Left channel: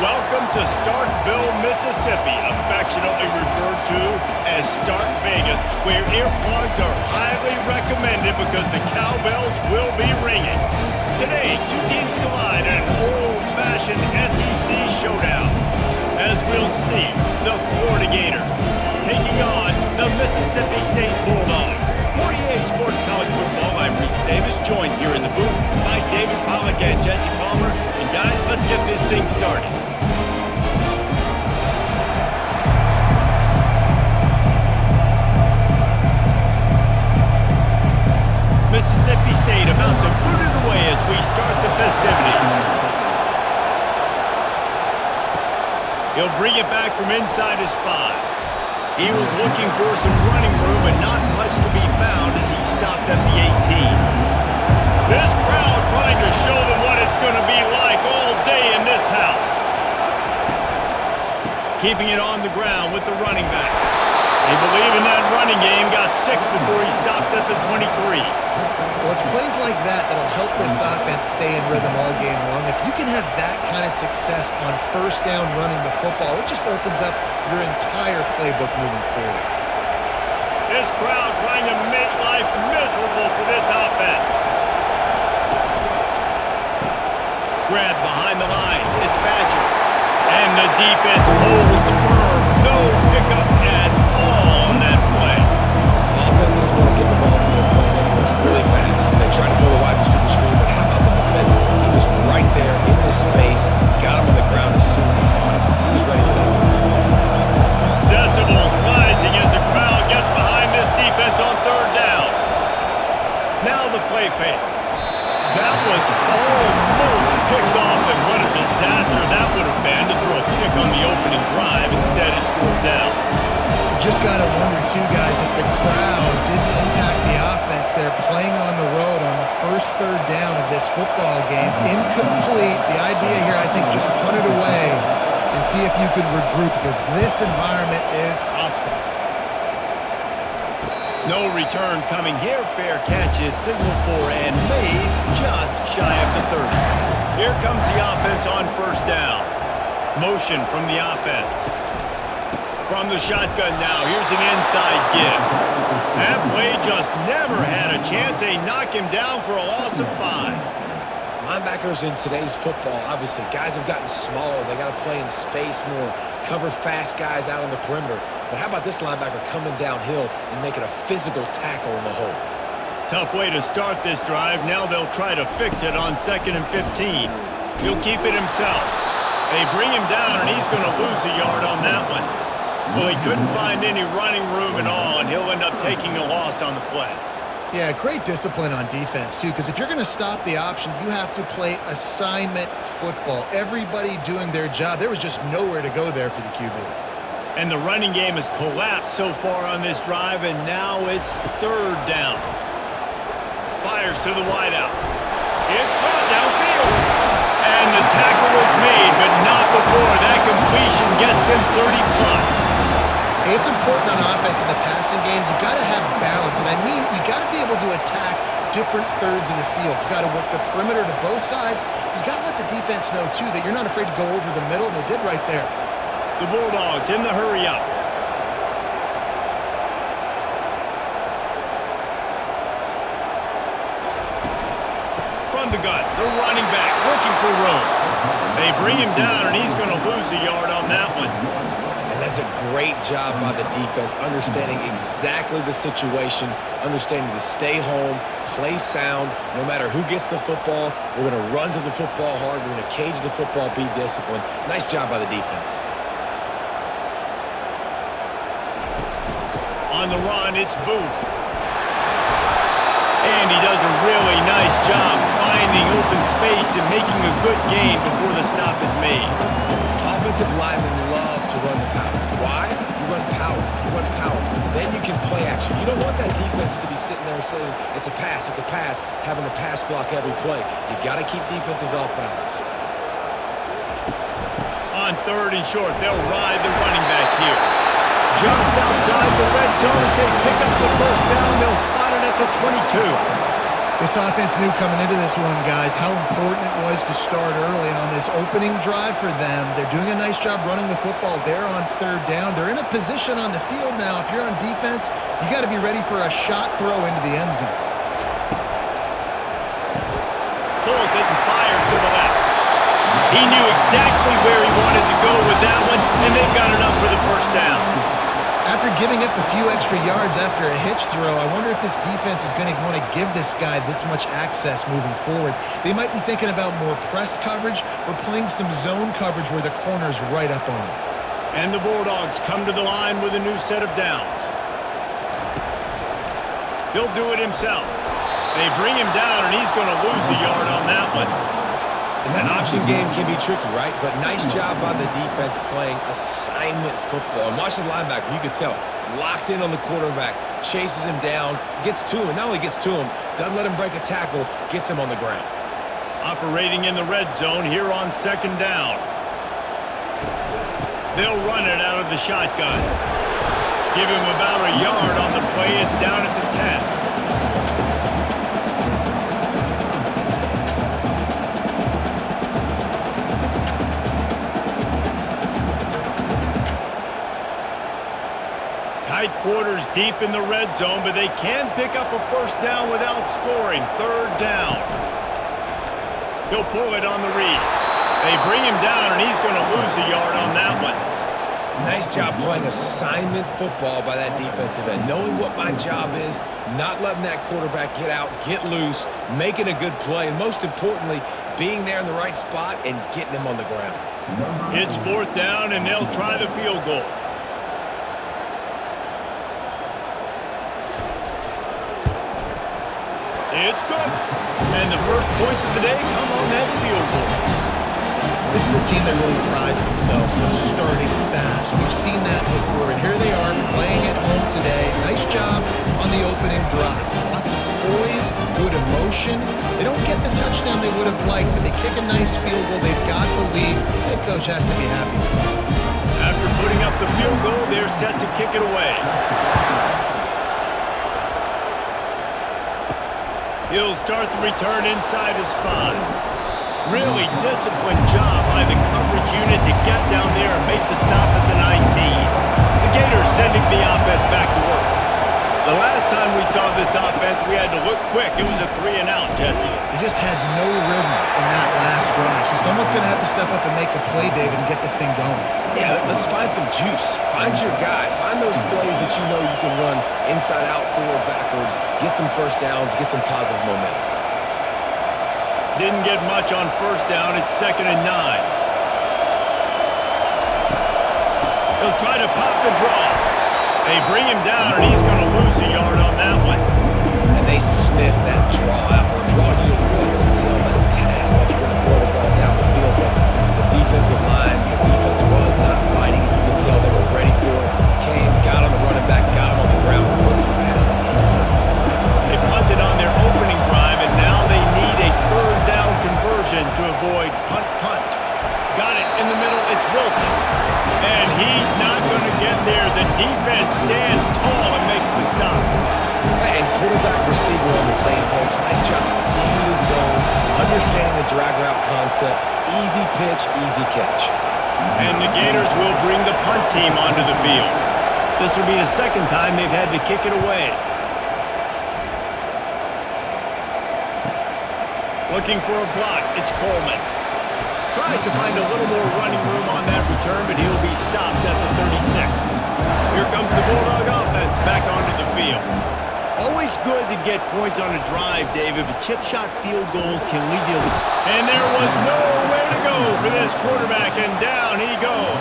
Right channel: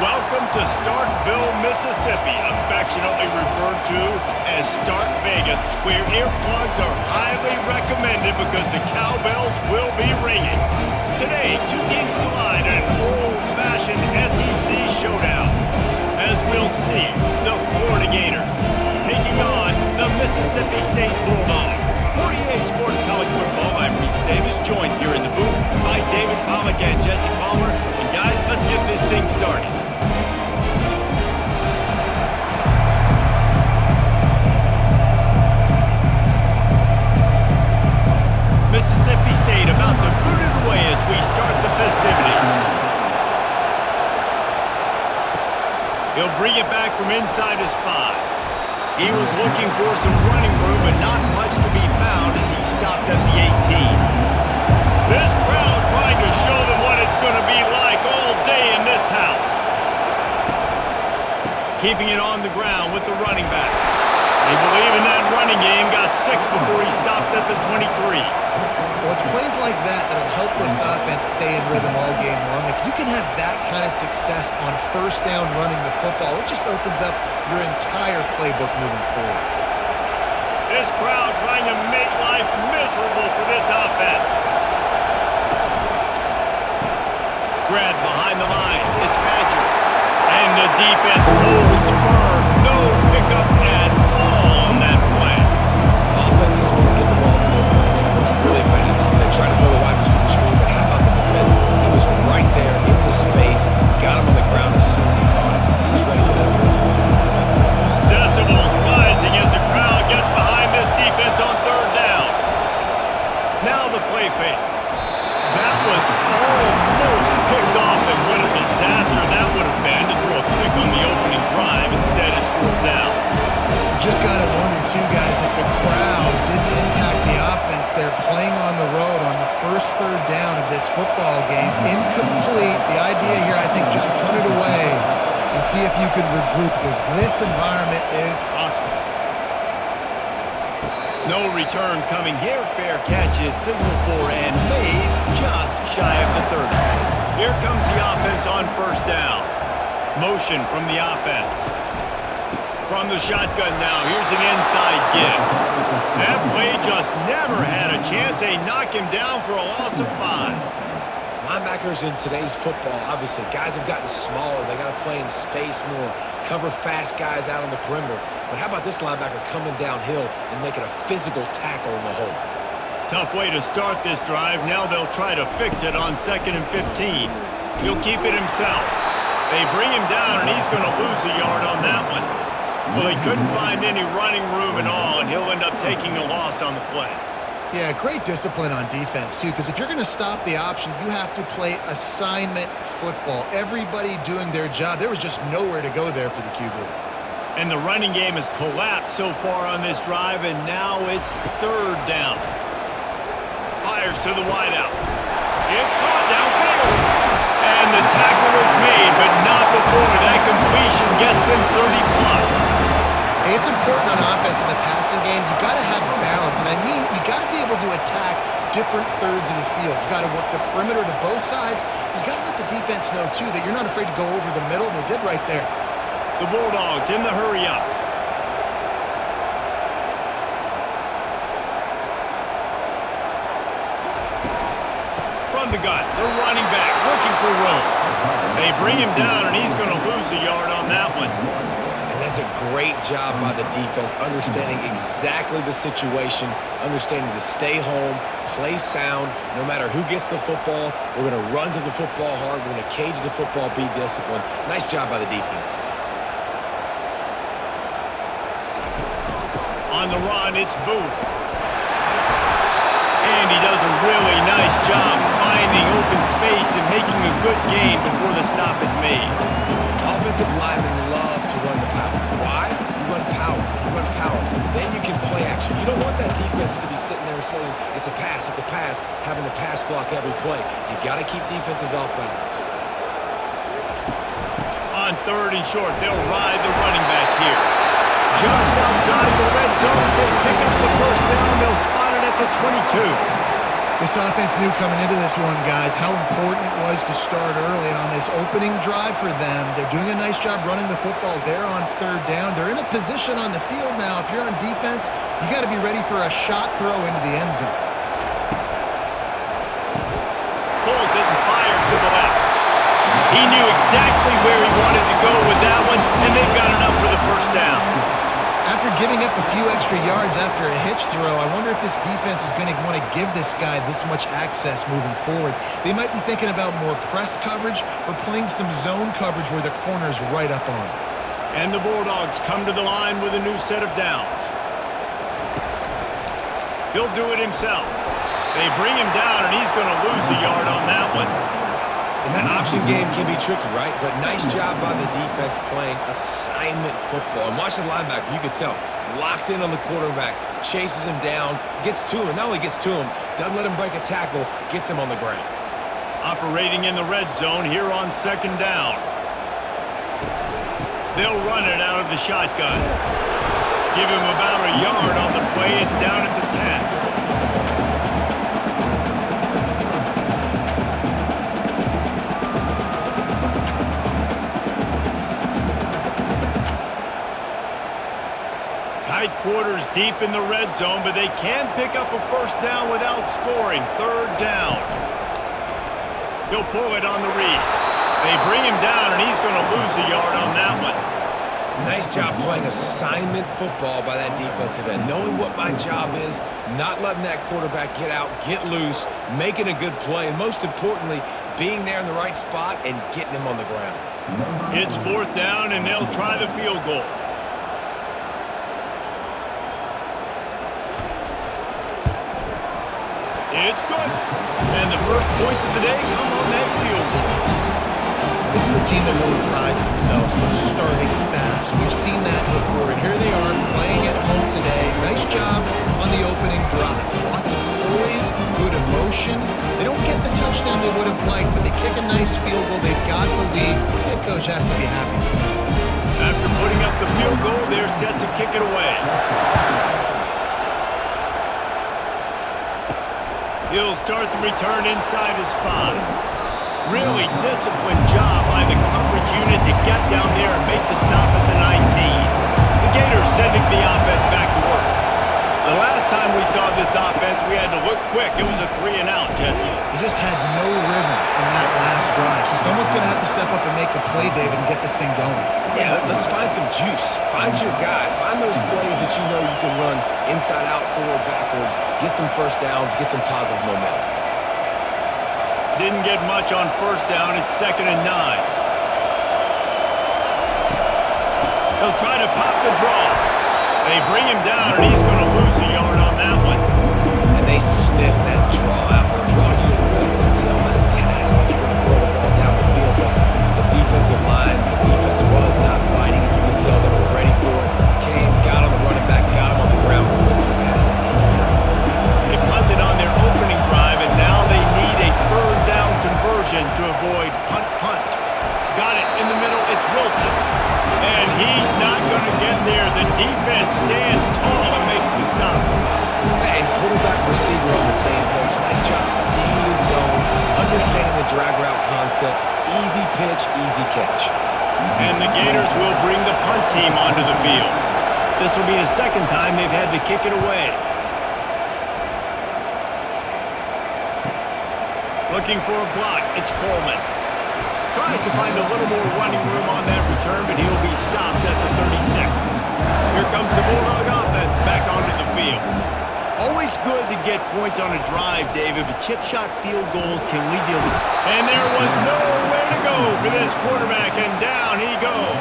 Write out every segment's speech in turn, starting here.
Welcome to Starkville, Mississippi, affectionately referred to as Stark Vegas, where earplugs are highly recommended because the cowbells will be ringing. Today, two teams collide in an old-fashioned SEC showdown. As we'll see, the Florida Gators taking on the Mississippi State Bulldogs. For EA Sports College Football, I'm Reese Davis, joined here in the booth by David Pollack and Jesse Palmer. And guys, let's get this thing started. Mississippi State about to boot it away as we start the festivities. He'll bring it back from inside his 5. He was looking for some running room, but not much to be found as he stopped at the 18. This crowd trying to show them what it's going to be like all day in this house. Keeping it on the ground with the running back. They believe in that running game, got 6 before he stopped at the 23. Well, it's plays like that that'll help this offense stay in rhythm all game long. If you can have that kind of success on first down running the football, it just opens up your entire playbook moving forward. This crowd trying to make life miserable for this offense. Grab behind the line. It's Badger. And the defense holds firm. No pickup at all on that play. Offenses want to get the ball to their playmakers really fast. They try to throw the wide receiver screen, but how about the defender? He was right there in his space, got him on the ground as soon as he caught him. He was ready for that play. Decibels rising as the crowd gets behind this defense on 3rd down. Now the play fake. That was almost picked off, and what a disaster that would have been to throw a pick on the opening drive. Instead, it's 4th down. Just got to wonder, too, guys, if the crowd didn't impact the offense. They're playing on the road on the first 3rd down of this football game. Incomplete. The idea here, I think, just punt it away and see if you can regroup, because this environment is hostile. No return coming here. Fair catch is signaled for and made just shy of the 30. Here comes the offense on 1st down. Motion from the offense. From the shotgun now, here's an inside give. That play just never had a chance. They knock him down for a loss of 5. Linebackers in today's football, obviously, guys have gotten smaller. They got to play in space more, cover fast guys out on the perimeter. But how about this linebacker coming downhill and making a physical tackle in the hole? Tough way to start this drive. Now they'll try to fix it on 2nd and 15. He'll keep it himself. They bring him down, and he's going to lose a yard on that one. Well, he couldn't find any running room at all, and he'll end up taking a loss on the play. Yeah, great discipline on defense, too, because if you're going to stop the option, you have to play assignment football. Everybody doing their job. There was just nowhere to go there for the QB. And the running game has collapsed so far on this drive, and now it's 3rd down. Fires to the wideout. It's caught downfield. And the tackle is made, but not before that completion gets them 30+. It's important on offense in the passing game. You've got to have balance. And I mean, you got to be able to attack different thirds of the field. You got to work the perimeter to both sides. You got to let the defense know, too, that you're not afraid to go over the middle, and they did right there. The Bulldogs in the hurry up. From the gun, the running back looking for room. They bring him down, and he's going to lose a yard on that one. And that's a great job by the defense, understanding exactly the situation, understanding to stay home, play sound. No matter who gets the football, we're going to run to the football hard. We're going to cage the football, be disciplined. Nice job by the defense. On the run, it's Booth. And he does a really nice job finding open space and making a good gain before the stop is made. Offensive linemen love to run the power. Why? You run power. You run power. Then you can play action. You don't want that defense to be sitting there saying, it's a pass, having to pass block every play. You got to keep defenses off balance. On 3rd and short, they'll ride the running back here. Just outside the red zone as they pick up the 1st down. They'll spot it at the 22. This offense knew coming into this one, guys, how important it was to start early. And on this opening drive for them, they're doing a nice job running the football. They're on third down. They're in a position on the field now. If you're on defense, you got to be ready for a shot throw into the end zone. Pulls it and fires to the left. He knew exactly where he wanted to go with that one, and they've got enough for the first down. After giving up a few extra yards after a hitch throw, I wonder if this defense is going to want to give this guy this much access moving forward. They might be thinking about more press coverage or playing some zone coverage where the corner's right up on him. And the Bulldogs come to the line with a new set of downs. He'll do it himself. They bring him down, and he's going to lose a yard on that one. And that option game can be tricky, right? But nice job by the defense playing assignment football. And watch the linebacker, you could tell, locked in on the quarterback, chases him down, gets to him, and not only gets to him, doesn't let him break a tackle, gets him on the ground. Operating in the red zone here on second down. They'll run it out of the shotgun. Give him about a yard on the play. It's down at the 10. Tight quarters deep in the red zone, but they can pick up a first down without scoring. Third down. He'll pull it on the read. They bring him down, and he's going to lose a yard on that one. Nice job playing assignment football by that defensive end. Knowing what my job is, not letting that quarterback get out, get loose, making a good play, and most importantly, being there in the right spot and getting him on the ground. It's fourth down, and they'll try the field goal. It's good. And the first points of the day come on that field goal. This is a team that really prides themselves on starting fast. We've seen that before, and here they are playing at home today. Nice job on the opening drive. Lots of poise, good emotion. They don't get the touchdown they would have liked, but they kick a nice field goal. They've got the lead. Head coach has to be happy with that. After putting up the field goal, they're set to kick it away. He'll start the return inside his 5. Really disciplined job by the coverage unit to get down there and make the stop at the 19. The Gators sending the offense back to work. The last time we saw this offense, we had to look quick. It was a 3-and-out, Jesse. They just had no rhythm in that last drive. So someone's going to have to step up and make a play, David, and get this thing going. Yeah, let's find some juice. Find your guy. Find those plays that you know you can run inside out, forward, backwards. Get some first downs. Get some positive momentum. Didn't get much on first down. It's 2nd and 9. He'll try to pop the draw. They bring him down, and he's going to lose a yard on that one. And they sniff that draw out. Or draw, you didn't really sell that pass like you're going to throw the ball down the field. But the defensive line, the defense was not biting. You could tell they were ready for it. Came, got on the running back, got him on the ground, quick, fast, and in there. They punted on their opening drive, and now they need a third down conversion to avoid punt. Got it in the middle. It's Wilson. And he's not going to get there. The defense stands tall and makes the stop. And quarterback receiver on the same page. Nice job seeing the zone, understanding the drag route concept. Easy pitch, easy catch. And the Gators will bring the punt team onto the field. This will be the second time they've had to kick it away. Looking for a block. It's Coleman. Tries to find a little more running room on that return, but he'll be stopped at the 36. Here comes the Bulldog offense back onto the field. Always good to get points on a drive, David, but chip shot field goals can leave you. And there was nowhere to go for this quarterback, and down he goes.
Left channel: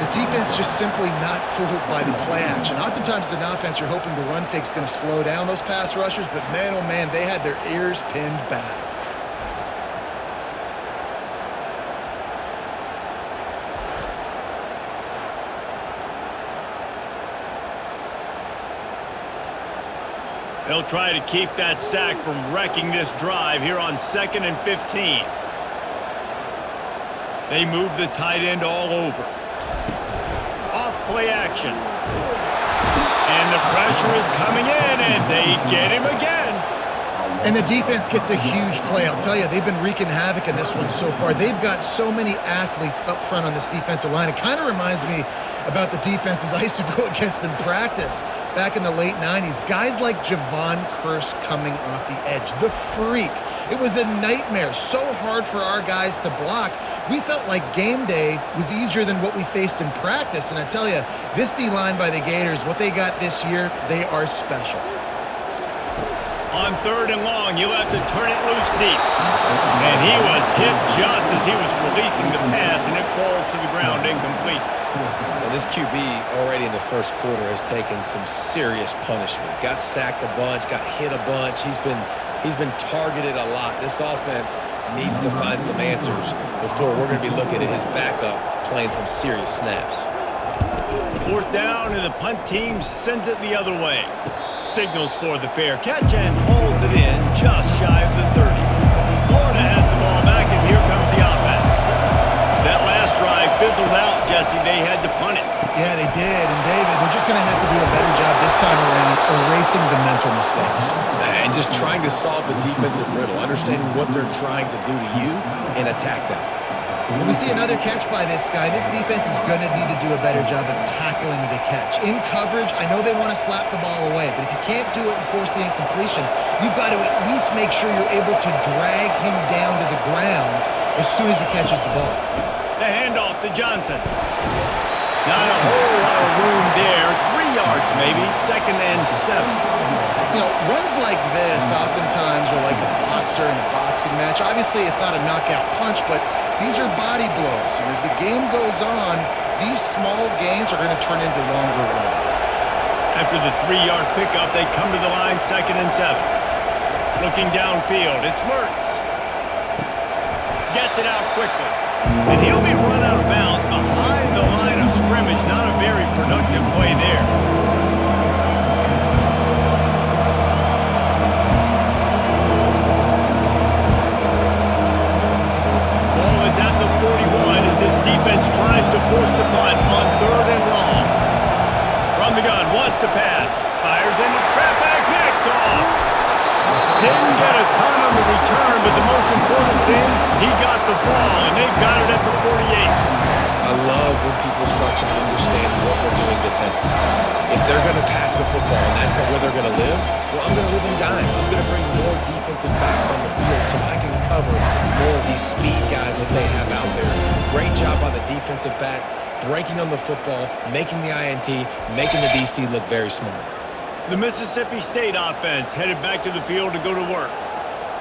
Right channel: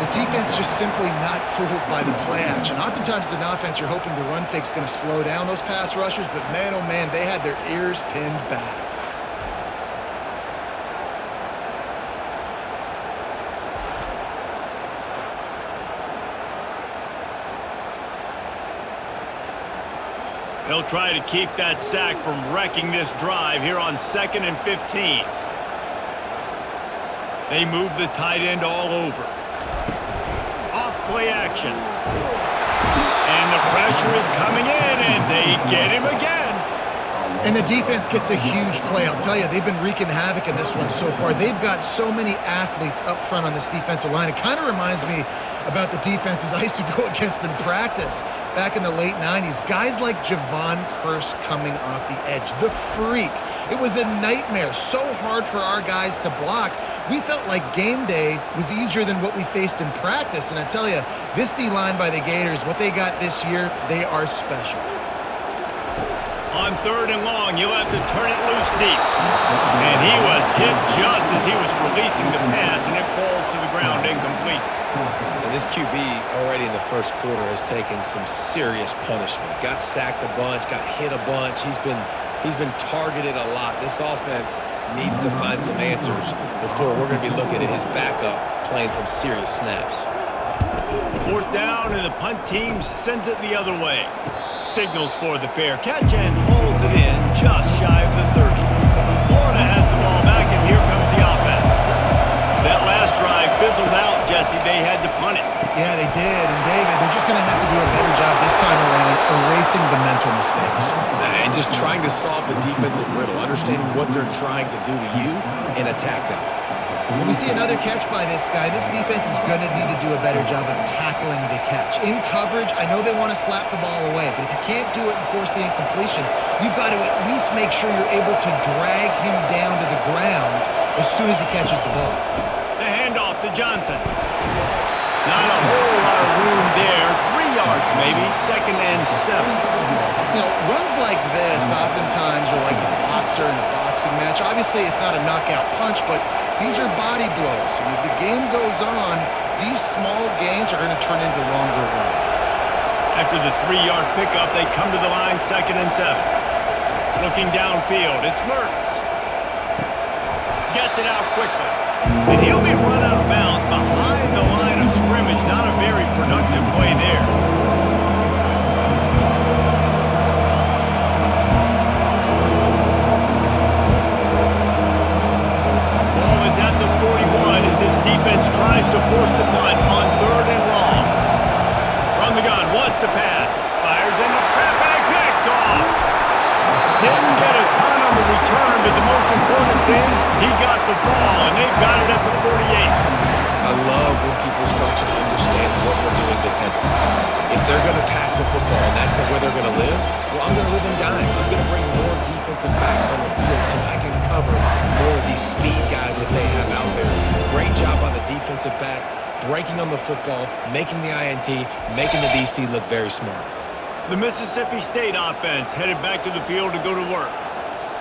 The defense just simply not fooled by the play action. Oftentimes as an offense, you're hoping the run fake's going to slow down those pass rushers, but man, oh man, they had their ears pinned back. They'll try to keep that sack from wrecking this drive here on 2nd and 15. They move the tight end all over. Off play action. And the pressure is coming in, and they get him again. And the defense gets a huge play. I'll tell you, they've been wreaking havoc in this one so far. They've got so many athletes up front on this defensive line. It kind of reminds me about the defenses I used to go against in practice back in the late 90s. Guys like Javon Curse coming off the edge, the freak. It was a nightmare, so hard for our guys to block. We felt like game day was easier than what we faced in practice. And I tell you, this D-line by the Gators, what they got this year, they are special. On 3rd and long, you'll have to turn it loose deep. And he was hit just as he was releasing the pass, and it falls to the ground incomplete. Well, this QB already in the first quarter has taken some serious punishment. Got sacked a bunch, got hit a bunch. He's been targeted a lot. This offense needs to find some answers before we're going to be looking at his backup playing some serious snaps. 4th down, and the punt team sends it the other way. Signals for the fair catch and hauls it in just shy of the 30. Florida has the ball back, and here comes the offense. That last drive fizzled out, Jesse. They had to punt it. Yeah, they did. And, David, they're just going to have to do a better job this time around erasing the mental mistakes. And just trying to solve the defensive riddle, understanding what they're trying to do to you and attack them. When we see another catch by this guy, this defense is going to need to do a better job of tackling the catch. In coverage, I know they want to slap the ball away, but if you can't do it and force the incompletion, you've got to at least make sure you're able to drag him down to the ground as soon as he catches the ball. The handoff to Johnson. Not a whole lot of room there. 3 yards maybe, 2nd and 7. You know, runs like this oftentimes are like a boxer in a boxing match. Obviously, it's not a knockout punch, but these are body blows. And as the game goes on, these small gains are going to turn into longer runs. After the 3-yard pickup, they come to the line, 2nd and 7. Looking downfield, it's Mertz. Gets it out quickly. And he'll be run out of bounds behind the line of scrimmage. Not a very productive play there. Ball is at the 41 as this defense tries to force the punt on 3rd and long. From the gun, wants to pass. Fires into traffic, picked off. Didn't get a ton on the return, but the most important thing, he got the ball, and they've got it at the 48. I love when people start to understand what we're doing defensively. If they're going to pass the football and that's where they're going to live, well, I'm going to live in dime. I'm going to bring more defensive backs on the field so I can cover more of these speed guys that they have out there. Great job by the defensive back, breaking on the football, making the INT, making the DC look very smart. The Mississippi State offense headed back to the field to go to work.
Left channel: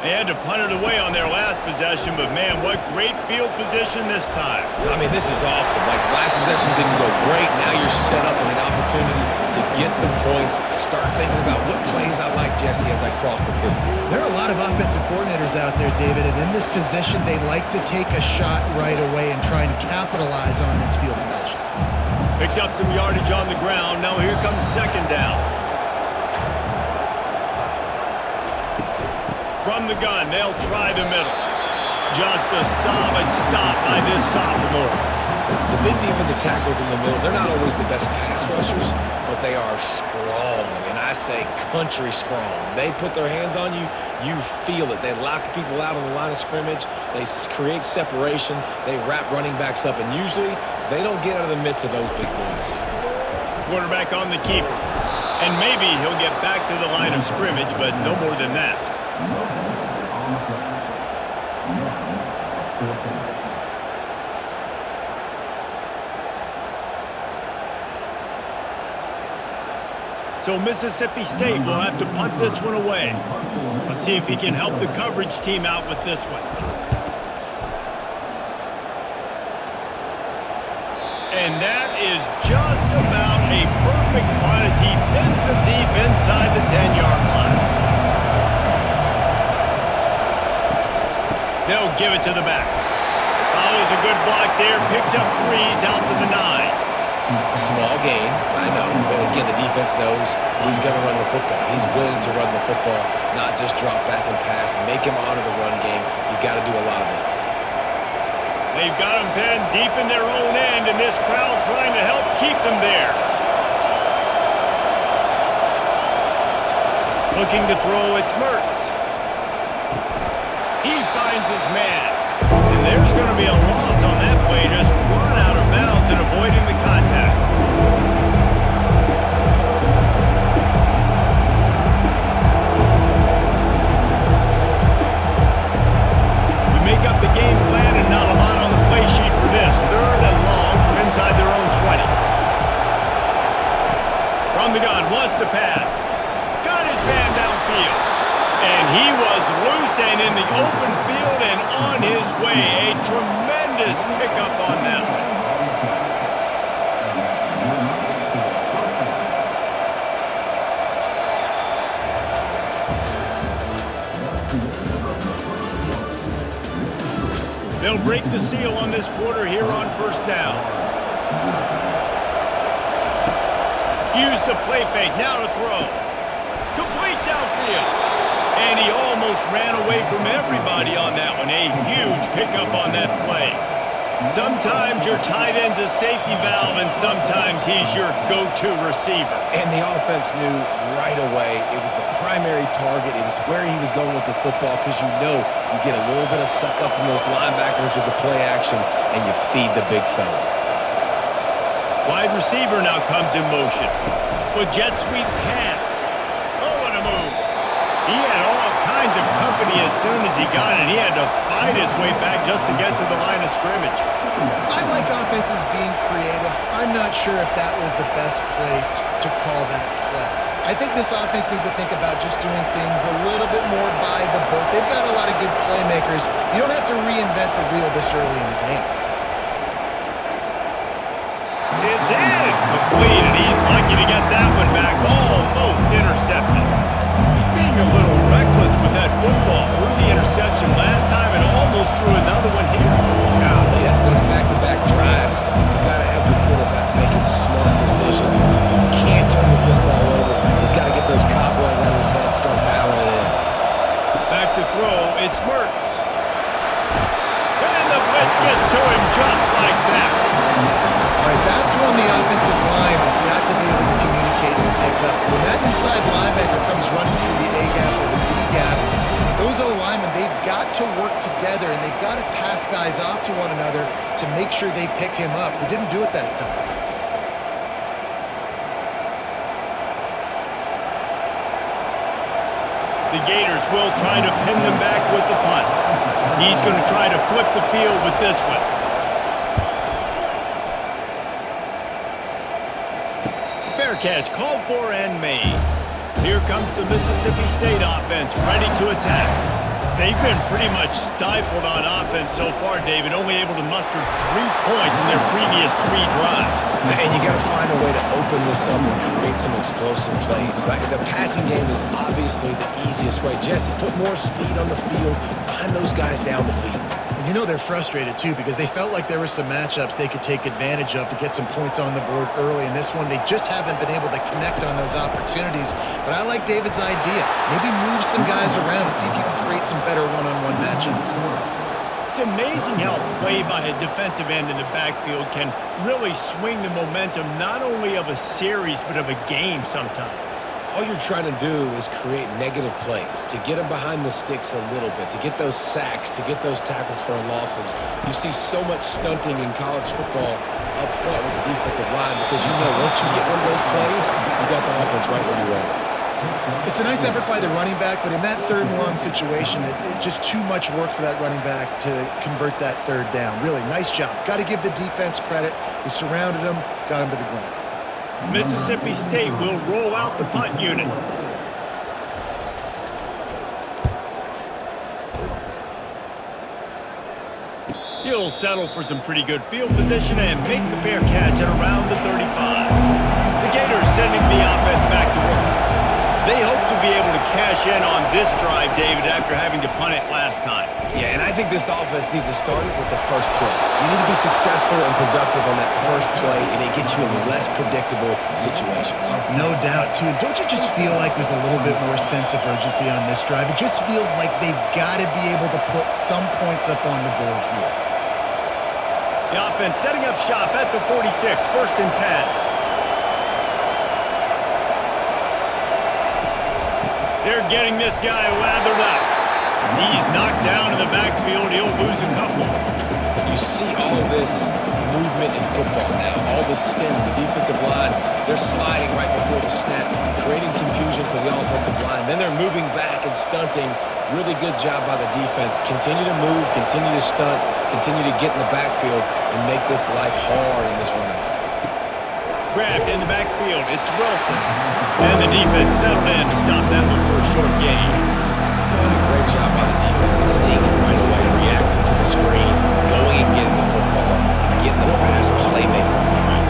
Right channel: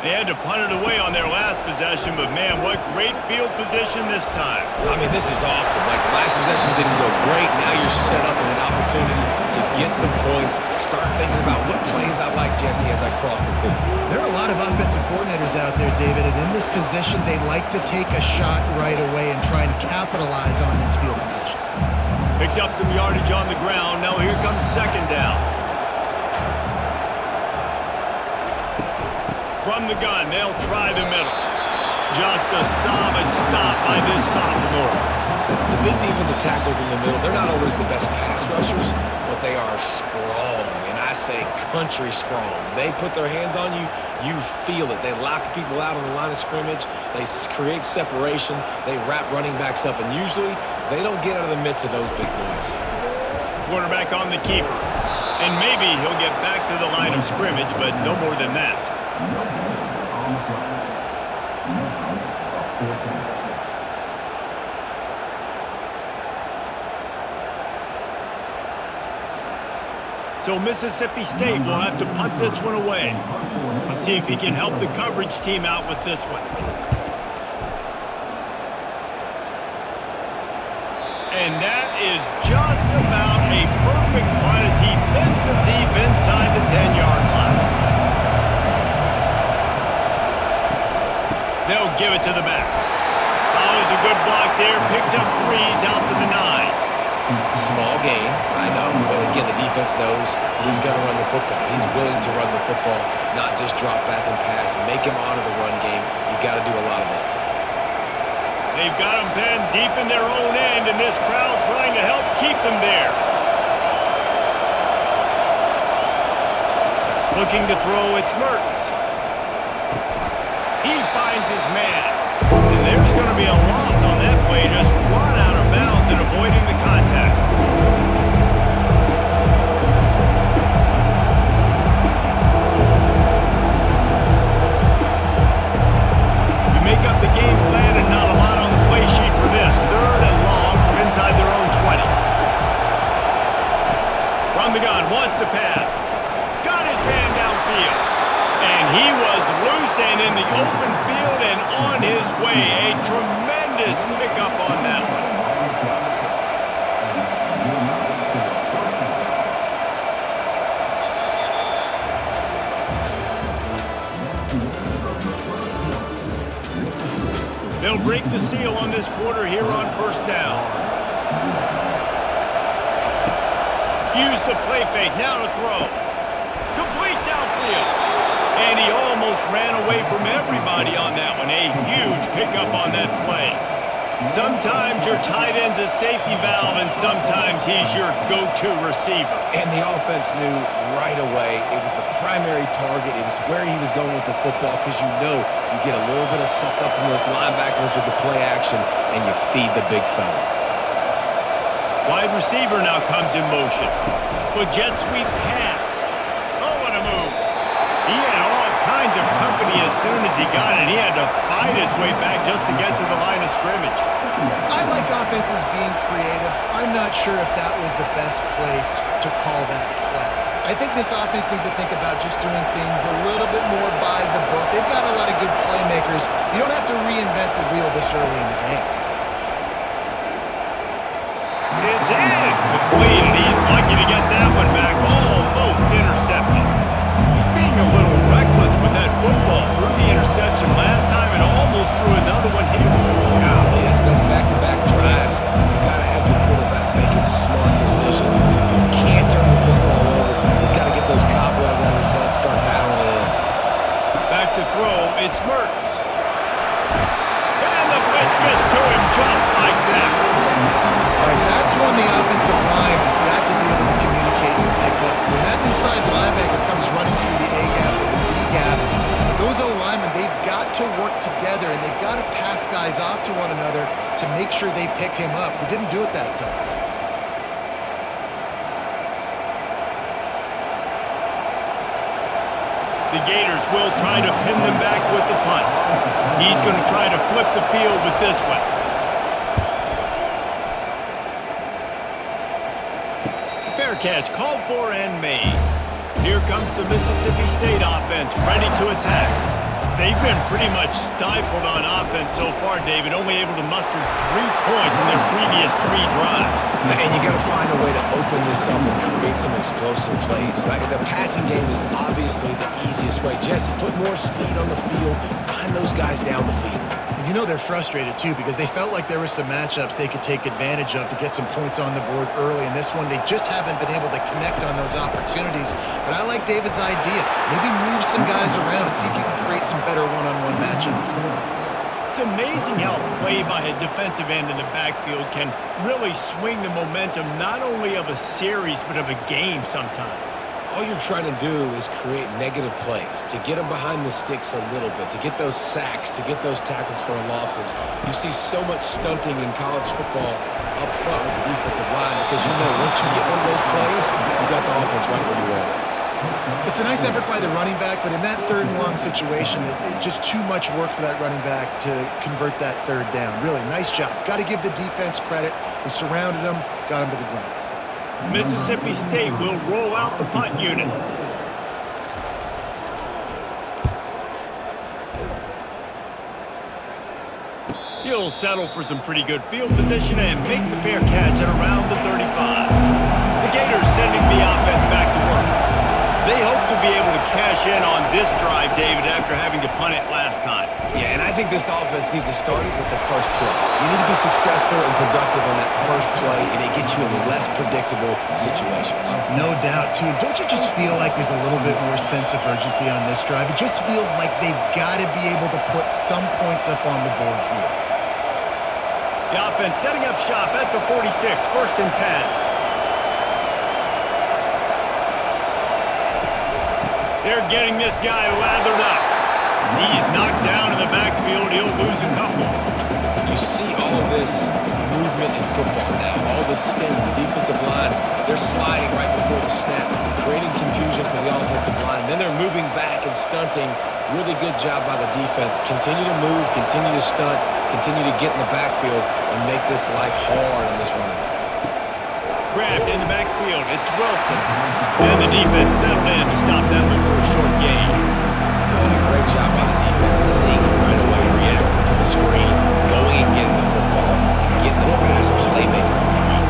They had to punt it away on their last possession, but man, what great field position this time. I mean, this is awesome. Like, last possession didn't go great. Now you're set up in an opportunity to get some points. Start thinking about what plays I like, Jesse, as I cross the 50. There are a lot of offensive coordinators out there, David, and in this position, they like to take a shot right away and try and capitalize on this field position. Picked up some yardage on the ground. Now here comes 2nd down. From the gun, they'll try the middle. Just a solid stop by this sophomore. The big defensive tackles in the middle, they're not always the best pass rushers, but they are strong, and I say country strong. They put their hands on you, you feel it. They lock people out on the line of scrimmage. They create separation. They wrap running backs up, and usually they don't get out of the midst of those big boys. Quarterback on the keeper. And maybe he'll get back to the line of scrimmage, but no more than that. No hits on the play. Now, a 4th down. So Mississippi State will have to punt this one away. Let's see if he can help the coverage team out with this one. And that is just about a perfect punt as he pins them deep inside the 10-yard line. They'll give it to the back. Follows a good block there, picks up 3s out to the 9. Small gain, I know, but again, the defense knows he's going to run the football. He's willing to run the football, not just drop back and pass, make him honor the run game. You got to do a lot of this. They've got them pinned deep in their own end, and this crowd trying to help keep them there. Looking to throw, it's Mertz. He finds his man. And there's going to be a loss on that play. Just run out of bounds and avoiding the contact. You make up the game plan and not a lot on the play sheet for this. 3rd and long from inside their own 20. From the gun, wants to pass. Got his man downfield. And he was loose and in the open field and on his way. A tremendous pickup on that one. They'll break the seal on this quarter here on 1st down. Use the play fake, now to throw. Complete downfield. And he almost ran away from everybody on that one. A huge pickup on that play. Sometimes your tight end's a safety valve, and sometimes he's your go-to receiver. And the offense knew right away it was the primary target. It was where he was going with the football because you know you get a little bit of suck up from those linebackers with the play action, and you feed the big fella. Wide receiver now comes in motion. With jet sweep pass. Oh, what a move. He had all kinds of company as soon as he got it. He had to fight his way back just to get to the line of scrimmage. I like offenses being creative. I'm not sure if that was the best place to call that play. I think this offense needs to think about just doing things a little bit more by the book. They've got a lot of good playmakers. You don't have to reinvent the wheel this early in the game. It's in. Complete, and he's lucky to get that one back. Almost intercepted. He's being a little reckless with that football. Threw the interception last time and almost threw another one here. Golly, that's back-to-back drives. You got to have your quarterback making smart decisions. You can't turn the football over. He's got to get those cobwebs out of his head and start dialing it in. Back to throw, it's Mertz. And the blitz gets to him just like that. All right, that's when the offensive line has got to be able to communicate and pick up. When that inside linebacker comes running through the A gap or the B gap, those O-linemen, they've got to work together, and they've got to pass guys off to one another to make sure they pick him up. They didn't do it that time. The Gators will try to pin them back with the punt. He's going to try to flip the field with this one. Fair catch called for and made. Here comes the Mississippi State offense ready to attack. They've been pretty much stifled on offense so far, David, only able to muster 3 points in their previous 3 drives. And you got to find a way to open this up and create some explosive plays. The passing game is obviously the easiest way. Jesse, put more speed on the field. Find those guys down the field. And you know they're frustrated, too, because they felt like there were some matchups they could take advantage of to get some points on the board early. In this one, they just haven't been able to connect on those opportunities. But I like David's idea. Maybe move some guys around and see if you can create some better one-on-one matchups. It's amazing how play by a defensive end in the backfield can really swing the momentum not only of a series but of a game sometimes. All you're trying to do is create negative plays, to get them behind the sticks a little bit, to get those sacks, to get those tackles for losses. You see so much stunting in college football up front with the defensive line because you know once you get one of those plays, you got the offense right where you want it. It's a nice effort by the running back, but in that 3rd and long situation, it's just too much work for that running back to convert that 3rd down. Really, nice job. Got to give the defense credit. They surrounded him, got him to the ground. Mississippi State will roll out the punt unit. He'll settle for some pretty good field position and make the fair catch at around the 35. The Gators sending the offense back to work. They hope to be able to cash in on this drive, David, after having to punt it last time. Yeah, and I think this offense needs to start it with the first play. You need to be successful and productive on that first play, and it gets you in less predictable situations. No doubt, too. Don't you just feel like there's a little bit more sense of urgency on this drive? It just feels like they've got to be able to put some points up on the board here. The offense setting up shop at the 46, 1st and 10. They're getting this guy lathered up. He's knocked down in the backfield. He'll lose a couple. You see all this movement in football now, all the stem, the defensive line, they're sliding right before the snap, creating confusion for the offensive line. Then they're moving back and stunting. Really good job by the defense. Continue to move, continue to stunt, continue to get in the backfield and make this life hard on this running back. Grabbed in the backfield. It's Wilson. And the defense settled in to stop that one for a short gain. Doing a great job by the defense, seeing it right away, reacting to the screen, going and getting the football, and getting the fast playmaker on the ground.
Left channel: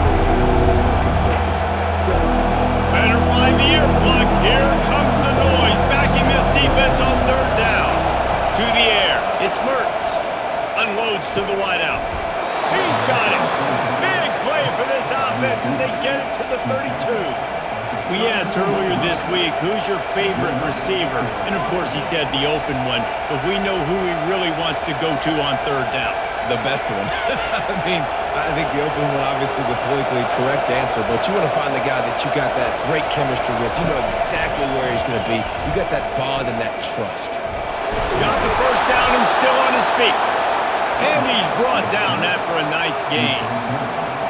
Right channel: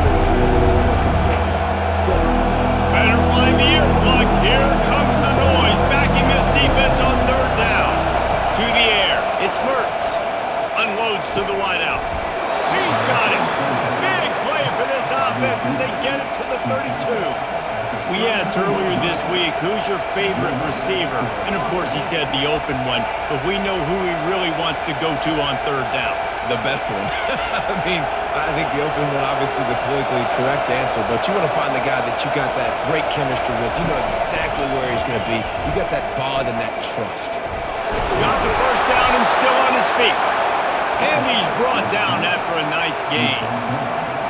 Better find the earplugs. Here comes the noise, backing this defense on third down. To the air. It's Mertz. Unloads to the wideout. He's got it. Big play for this offense as they get it to the 32. We asked earlier this week, who's your favorite receiver? And of course he said the open one, but we know who he really wants to go to on third down. The best one. I mean, I think the open one, obviously the politically correct answer, but you want to find the guy that you got that great chemistry with. You know exactly where he's going to be. You got that bond and that trust. Got the first down and still on his feet. And he's brought down after a nice gain.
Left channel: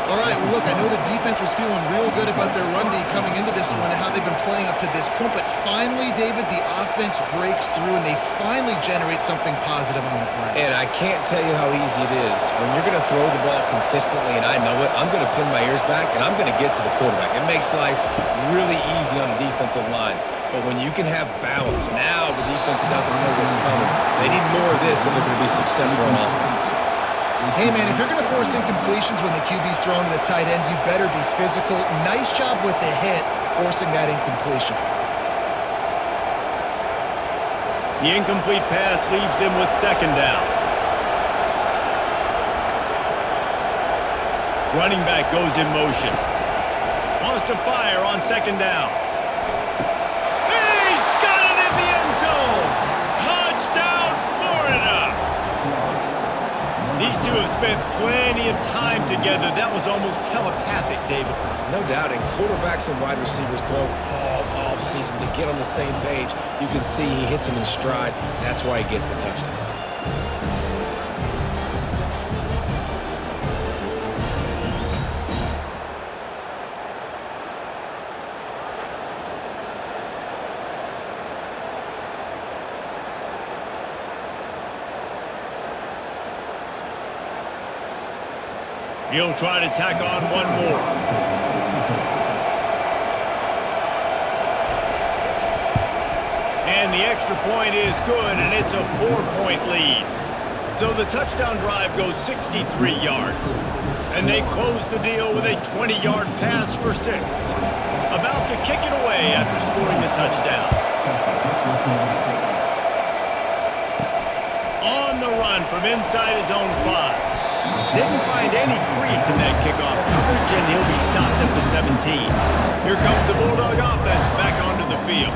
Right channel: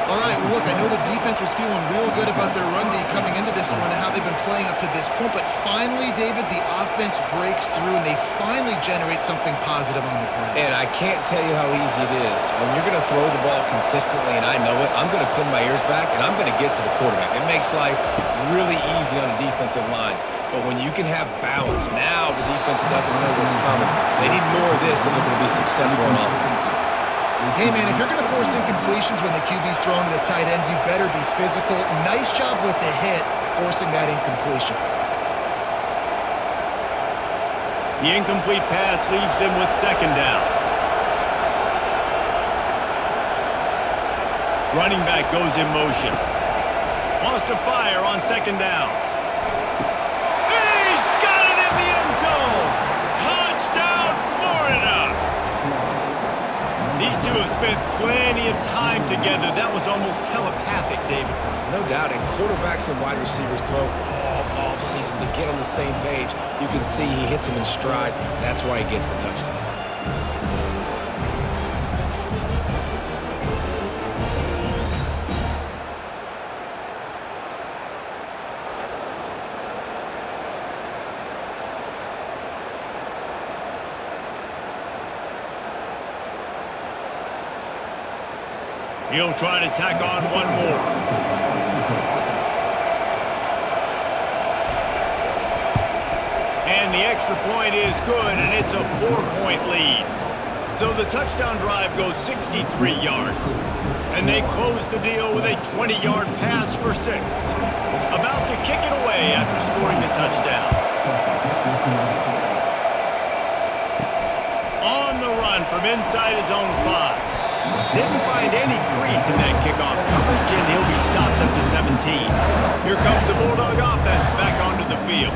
All right, well, look, I know the defense was feeling real good about their run D coming into this one and how they've been playing up to this point, but finally, David, the offense breaks through and they finally generate something positive on the ground. And I can't tell you how easy it is. When you're going to throw the ball consistently, and I know it, I'm going to pin my ears back, and I'm going to get to the quarterback. It makes life really easy on a defensive line. But when you can have balance, now the defense doesn't know what's coming. They need more of this if they're going to be successful on offense. Hey, man, if you're going to force incompletions when the QB's thrown to the tight end, you better be physical. Nice job with the hit, forcing that incompletion. The incomplete pass leaves them with second down. Running back goes in motion. Wants to fire on second down. He's got it in the end zone. Touchdown, Florida. These two have spent plenty of time together. That was almost telepathic, David. No doubt, and quarterbacks and wide receivers throw all offseason to get on the same page. You can see he hits him in stride. That's why he gets the touchdown. He'll try to tack on one more. And the extra point is good, and it's a 4-point lead. So the touchdown drive goes 63 yards. And they close the deal with a 20-yard pass for 6. About to kick it away after scoring the touchdown. On the run from inside his own 5. Didn't find any crease in that kickoff coverage, and he'll be stopped at the 17. Here comes the Bulldog offense back onto the field.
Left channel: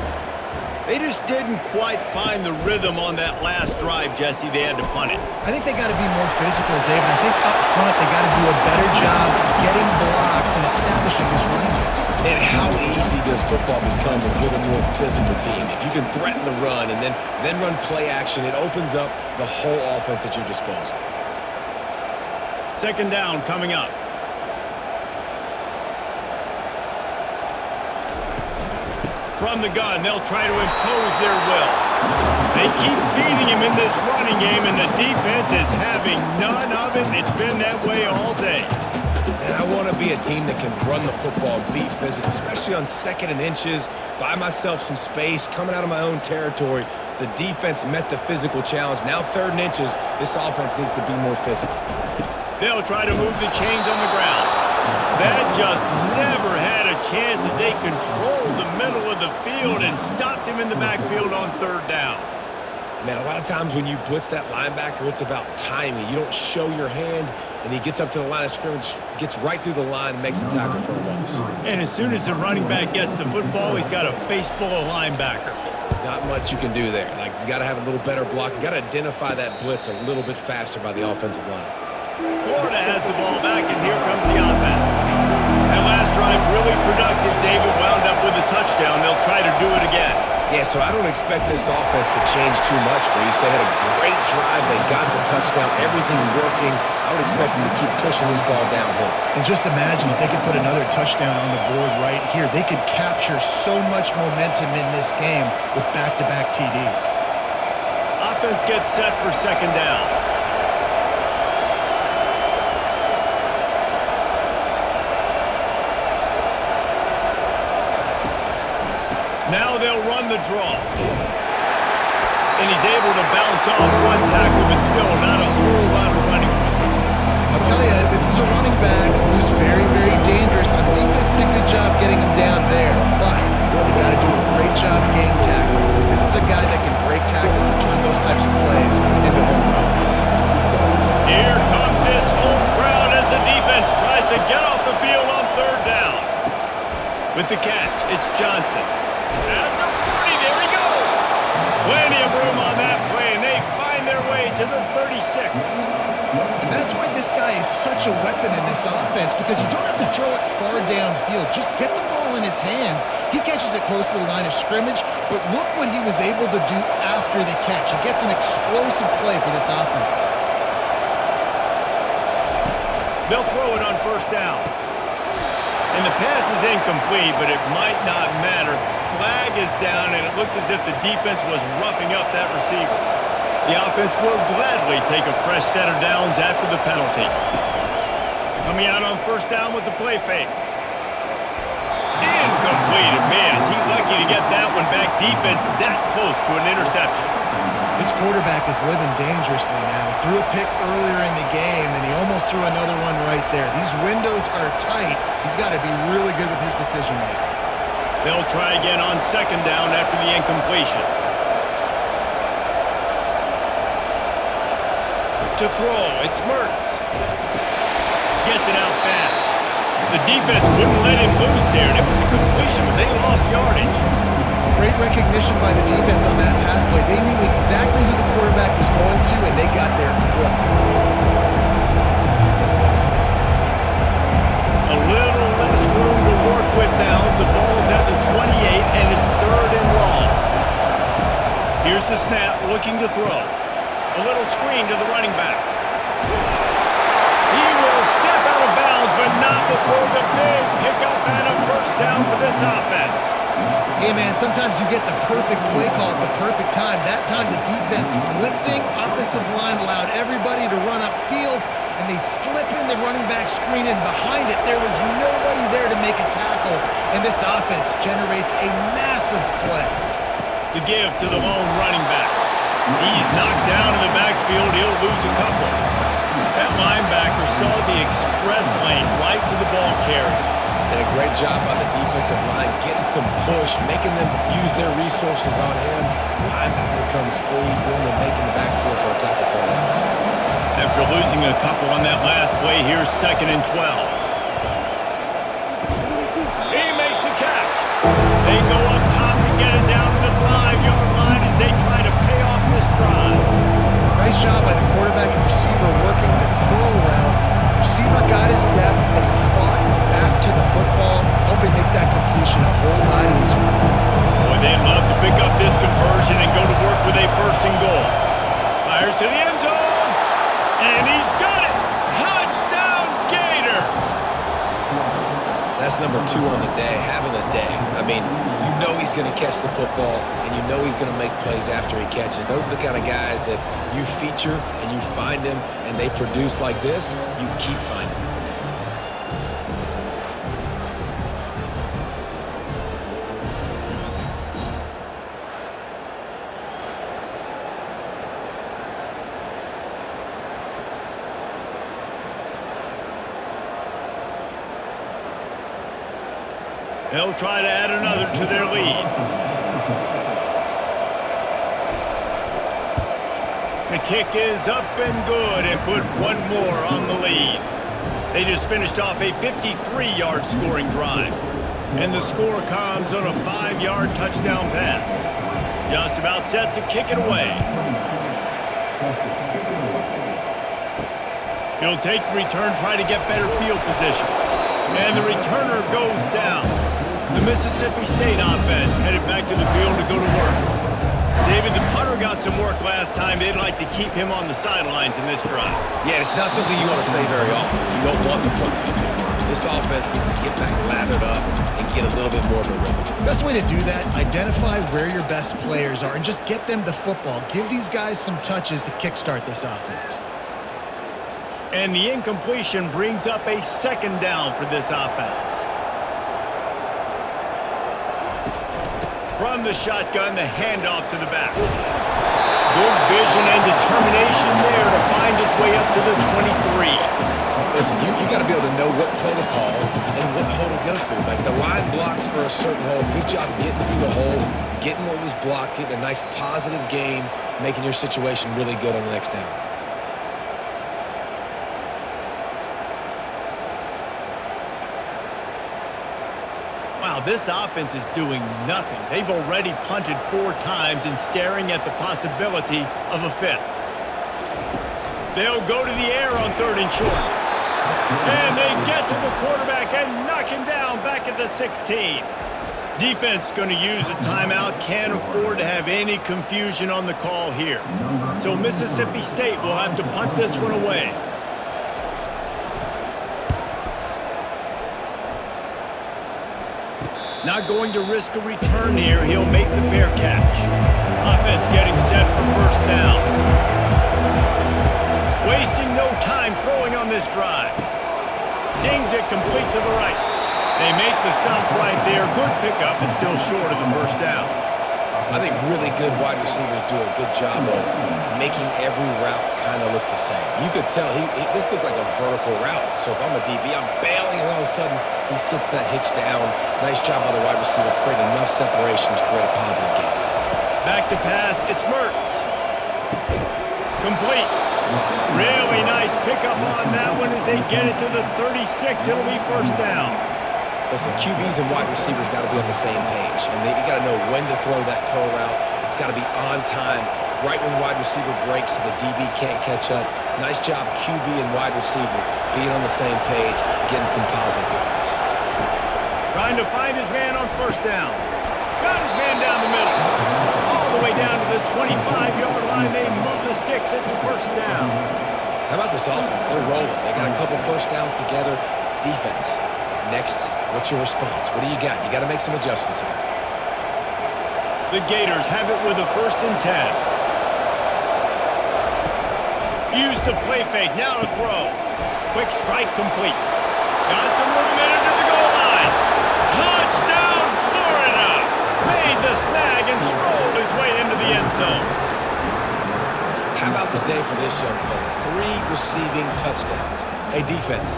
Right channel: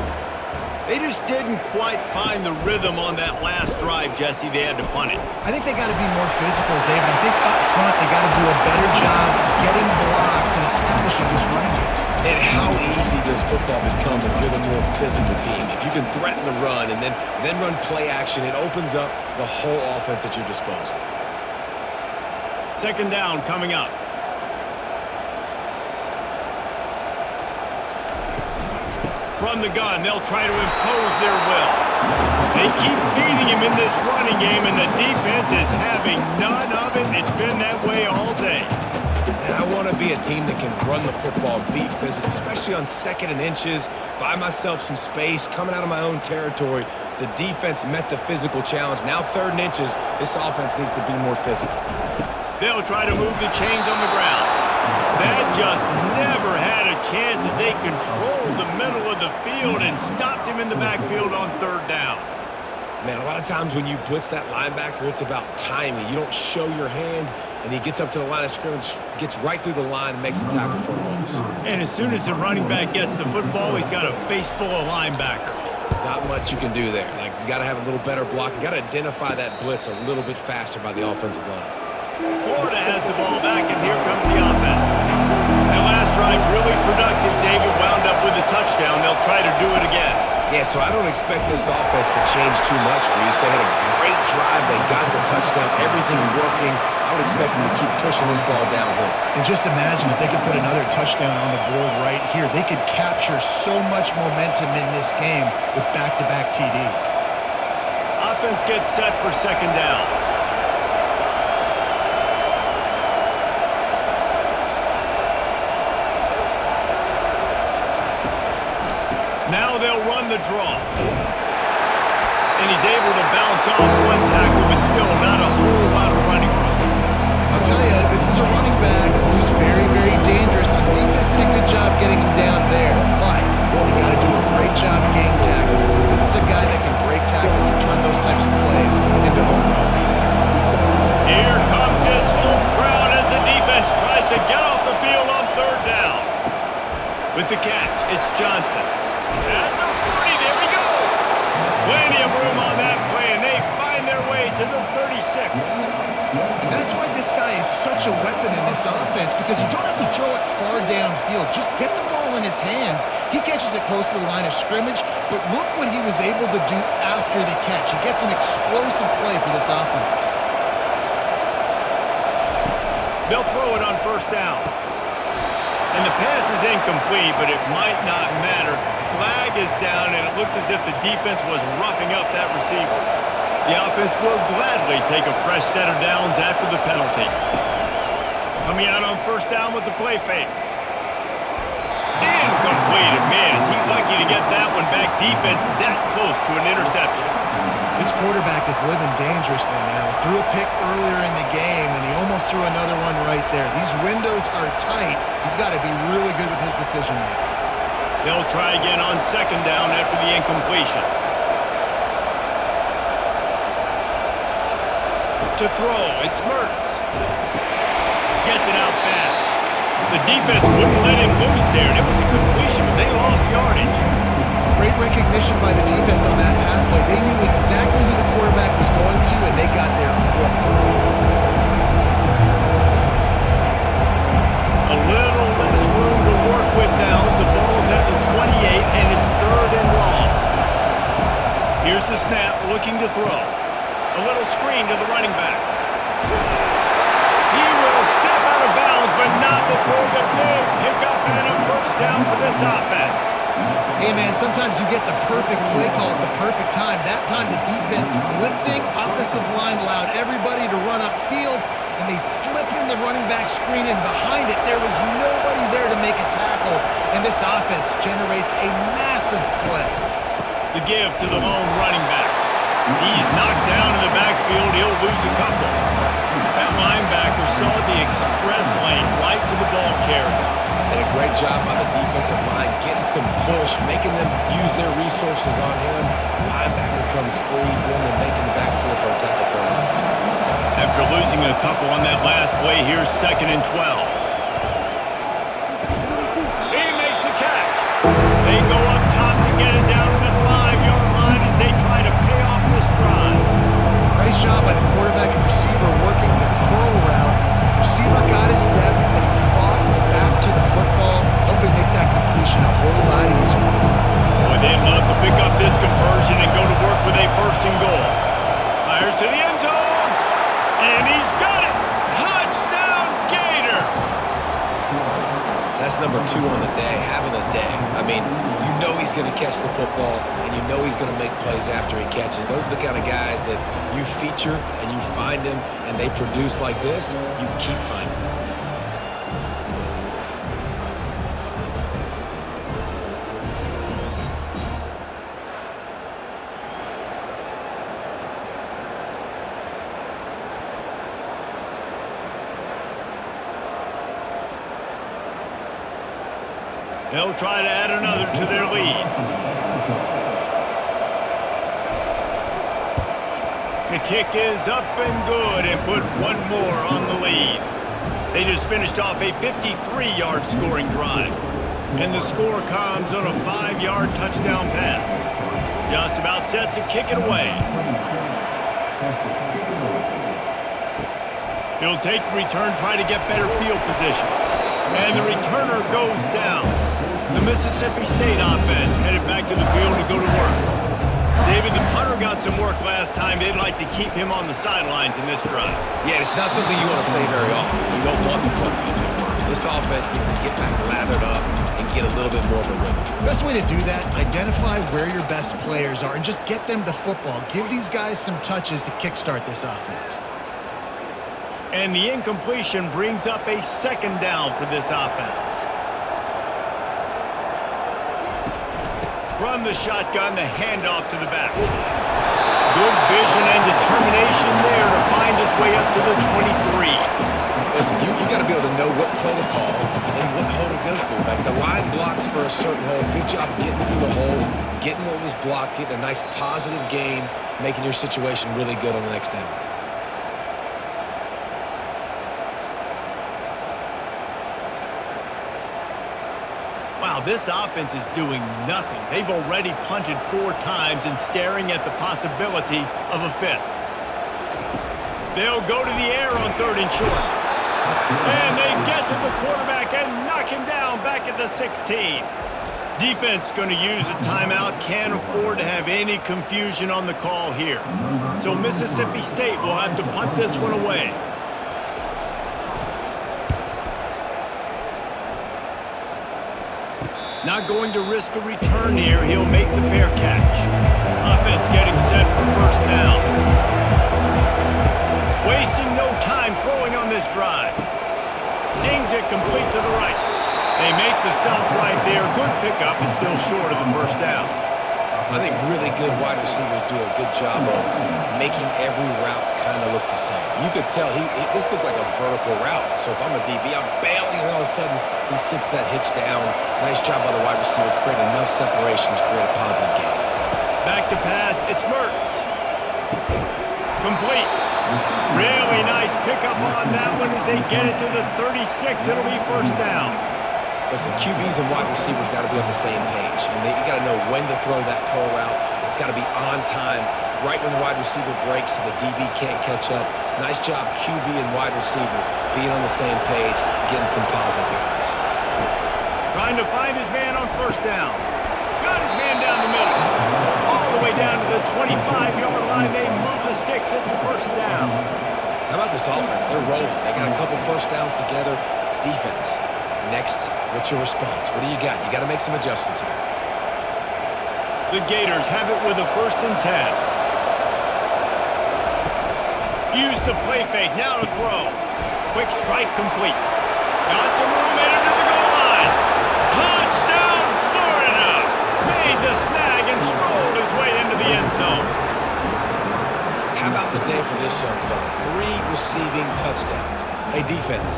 They just didn't quite find the rhythm on that last drive, Jesse. They had to punt it. I think they got to be more physical, David. I think up front they got to do a better job getting blocks and establishing this running game. And how easy does football become if you're the more physical team? If you can threaten the run and then run play action, it opens up the whole offense at your disposal. Second down coming up. From the gun, they'll try to impose their will. They keep feeding him in this running game, and the defense is having none of it. It's been that way all day. And I want to be a team that can run the football and be physical, especially on 2nd and inches, buy myself some space, coming out of my own territory. The defense met the physical challenge. Now 3rd and inches, this offense needs to be more physical. They'll try to move the chains on the ground. That just never had a chance as they controlled the middle of the field and stopped him in the backfield on 3rd down. Man, a lot of times when you blitz that linebacker, it's about timing. You don't show your hand, and he gets up to the line of scrimmage, gets right through the line, and makes the tackle for a loss. And as soon as the running back gets the football, he's got a face full of linebacker. Not much you can do there. Like, you got to have a little better block. You got to identify that blitz a little bit faster by the offensive line. Florida has the ball back, and here comes the offense. That last drive really productive. David wound up with a touchdown. They'll try to do it again. Yeah, so I don't expect this offense to change too much, Reese. They had a great drive. They got the touchdown, everything working. I would expect them to keep pushing this ball downhill. And just imagine if they could put another touchdown on the board right here. They could capture so much momentum in this game with back-to-back TDs. Offense gets set for second down. Now they'll run the draw. And he's able to bounce off one tackle, but still not a whole lot of running room. I'll tell you, this is a running back who's very, very dangerous. And the defense did a good job getting him down there. But they got to do a great job getting tackling, because this is a guy that can break tackles and turn those types of plays into home runs. Here comes this home crowd as the defense tries to get off the field on third down. With the catch, it's Johnson. At the 40, there he goes. Plenty of room on that play, and they find their way to the 36. And that's why this guy is such a weapon in this offense, because you don't have to throw it far downfield. Just get the ball in his hands. He catches it close to the line of scrimmage, but look what he was able to do after the catch. He gets an explosive play for this offense. They'll throw it on first down. And the pass is incomplete, but it might not matter. Flag is down, and it looked as if the defense was roughing up that receiver. The offense will gladly take a fresh set of downs after the penalty. Coming out on first down with the play fake. Incomplete, and man, is he lucky to get that one back. Defense that close to an interception. This quarterback is living dangerously now. Threw a pick earlier in the game, and he almost threw another one right there. These windows are tight. He's got to be really good with his decision-making. They'll try again on second down after the incompletion. To throw, it's Mertz. Gets it out fast. The defense wouldn't let him loose there, and it was a completion, but they lost yardage. Great recognition by the defense on that pass play. They knew exactly who the quarterback was going to, and they got there quick. A little less room to work with now as the ball's at the 28, and it's third and long. Here's the snap, looking to throw. A little screen to the running back. He will step out of bounds, but not before the big pickup and a first down for this offense. Hey, man, sometimes you get the perfect play call at the perfect time. That time the defense blitzing, offensive line allowed everybody to run upfield, and they slip in the running back screen, and behind it there was nobody there to make a tackle, and this offense generates a massive play. The give to the lone running back. He's knocked down in the backfield. He'll lose a couple. That linebacker saw the express lane right to the ball carrier. Did a great job by the defensive line, getting some push, making them use their resources on him. Linebacker comes free, doing the making the backfield for a tackle for a loss. After losing a couple on that last play, here's second and 12. He makes the catch. They go up top to get it down to the 5-yard line as they try to pay off this drive. Nice job by the quarterback and receiver working the curl route. Receiver got his depth, and he fought back to the football, helping make that completion a whole lot easier. Boy, they'd love to pick up this conversion and go to work with a first and goal. Fires to the end zone, and he's got it! Touchdown, Gators! That's number 2 on the day, having a day. I mean, you know he's going to catch the football, and you know he's going to make plays after he catches. Those are the kind of guys that you feature and you find them, and they produce like this, you keep finding them. They'll try to add another to their lead. The kick is up and good and put one more on the lead. They just finished off a 53-yard scoring drive. And the score comes on a 5-yard touchdown pass. Just about set to kick it away. He'll take the return, try to get better field position. And the returner goes down. The Mississippi State offense headed back to the field to go to work. David, the punter got some work last time. They'd like to keep him on the sidelines in this drive. Yeah, it's not something you want to say very often. You don't want the punter out there. This offense needs to get back lathered up and get a little bit more of a rhythm. Best way to do that, identify where your best players are and just get them the football. Give these guys some touches to kickstart this offense. And the incompletion brings up a second down for this offense. From the shotgun, the handoff to the back. Good vision and determination there to find his way up to the 23. Listen, you got to be able to know what play to call and what hole to go through. Like the line blocks for a certain hole. Good job getting through the hole, getting what was blocked, getting a nice positive gain, making your situation really good on the next down. Wow, this offense is doing nothing. They've already punted 4 times and staring at the possibility of a 5th. They'll go to the air on 3rd and short. And they get to the quarterback and knock him down back at the 16. Defense going to use a timeout. Can't afford to have any confusion on the call here. So Mississippi State will have to punt this one away. Not going to risk a return here. He'll make the fair catch. Offense getting set for first down. Wasting no time throwing on this drive. Zings it complete to the right. They make the stop right there. Good pickup and still short of the first down. I think really good wide receivers do a good job of making every route kind of look the same. You could tell this looked like a vertical route. So if I'm a DB, I'm bailing, and all of a sudden he sits that hitch down. Nice job by the wide receiver, create enough separation to create a positive gain. Back to pass, it's Mertens. Complete. Really nice pickup on that one as they get it to the 36. It'll be first down. Listen, QBs and wide receivers got to be on the same page, and you got to know when to throw that curl route. It's got to be on time, right when the wide receiver breaks so the DB can't catch up. Nice job, QB and wide receiver, being on the same page, getting some positive yards. Trying to find his man on first down. Got his man down the middle. All the way down to the 25-yard line. They move the sticks at the first down. How about this offense? They're rolling. They got a couple first downs together. Defense. Next, what's your response? What do you got? You got to make some adjustments here. The Gators have it with a 1st and 10. Use the play fake. Now to throw. Quick strike complete. Got some room in it to the goal line. Touchdown, Florida! Made the snag and strolled his way into the end zone. How about the day for this young fella? 3 receiving touchdowns. Hey, defense,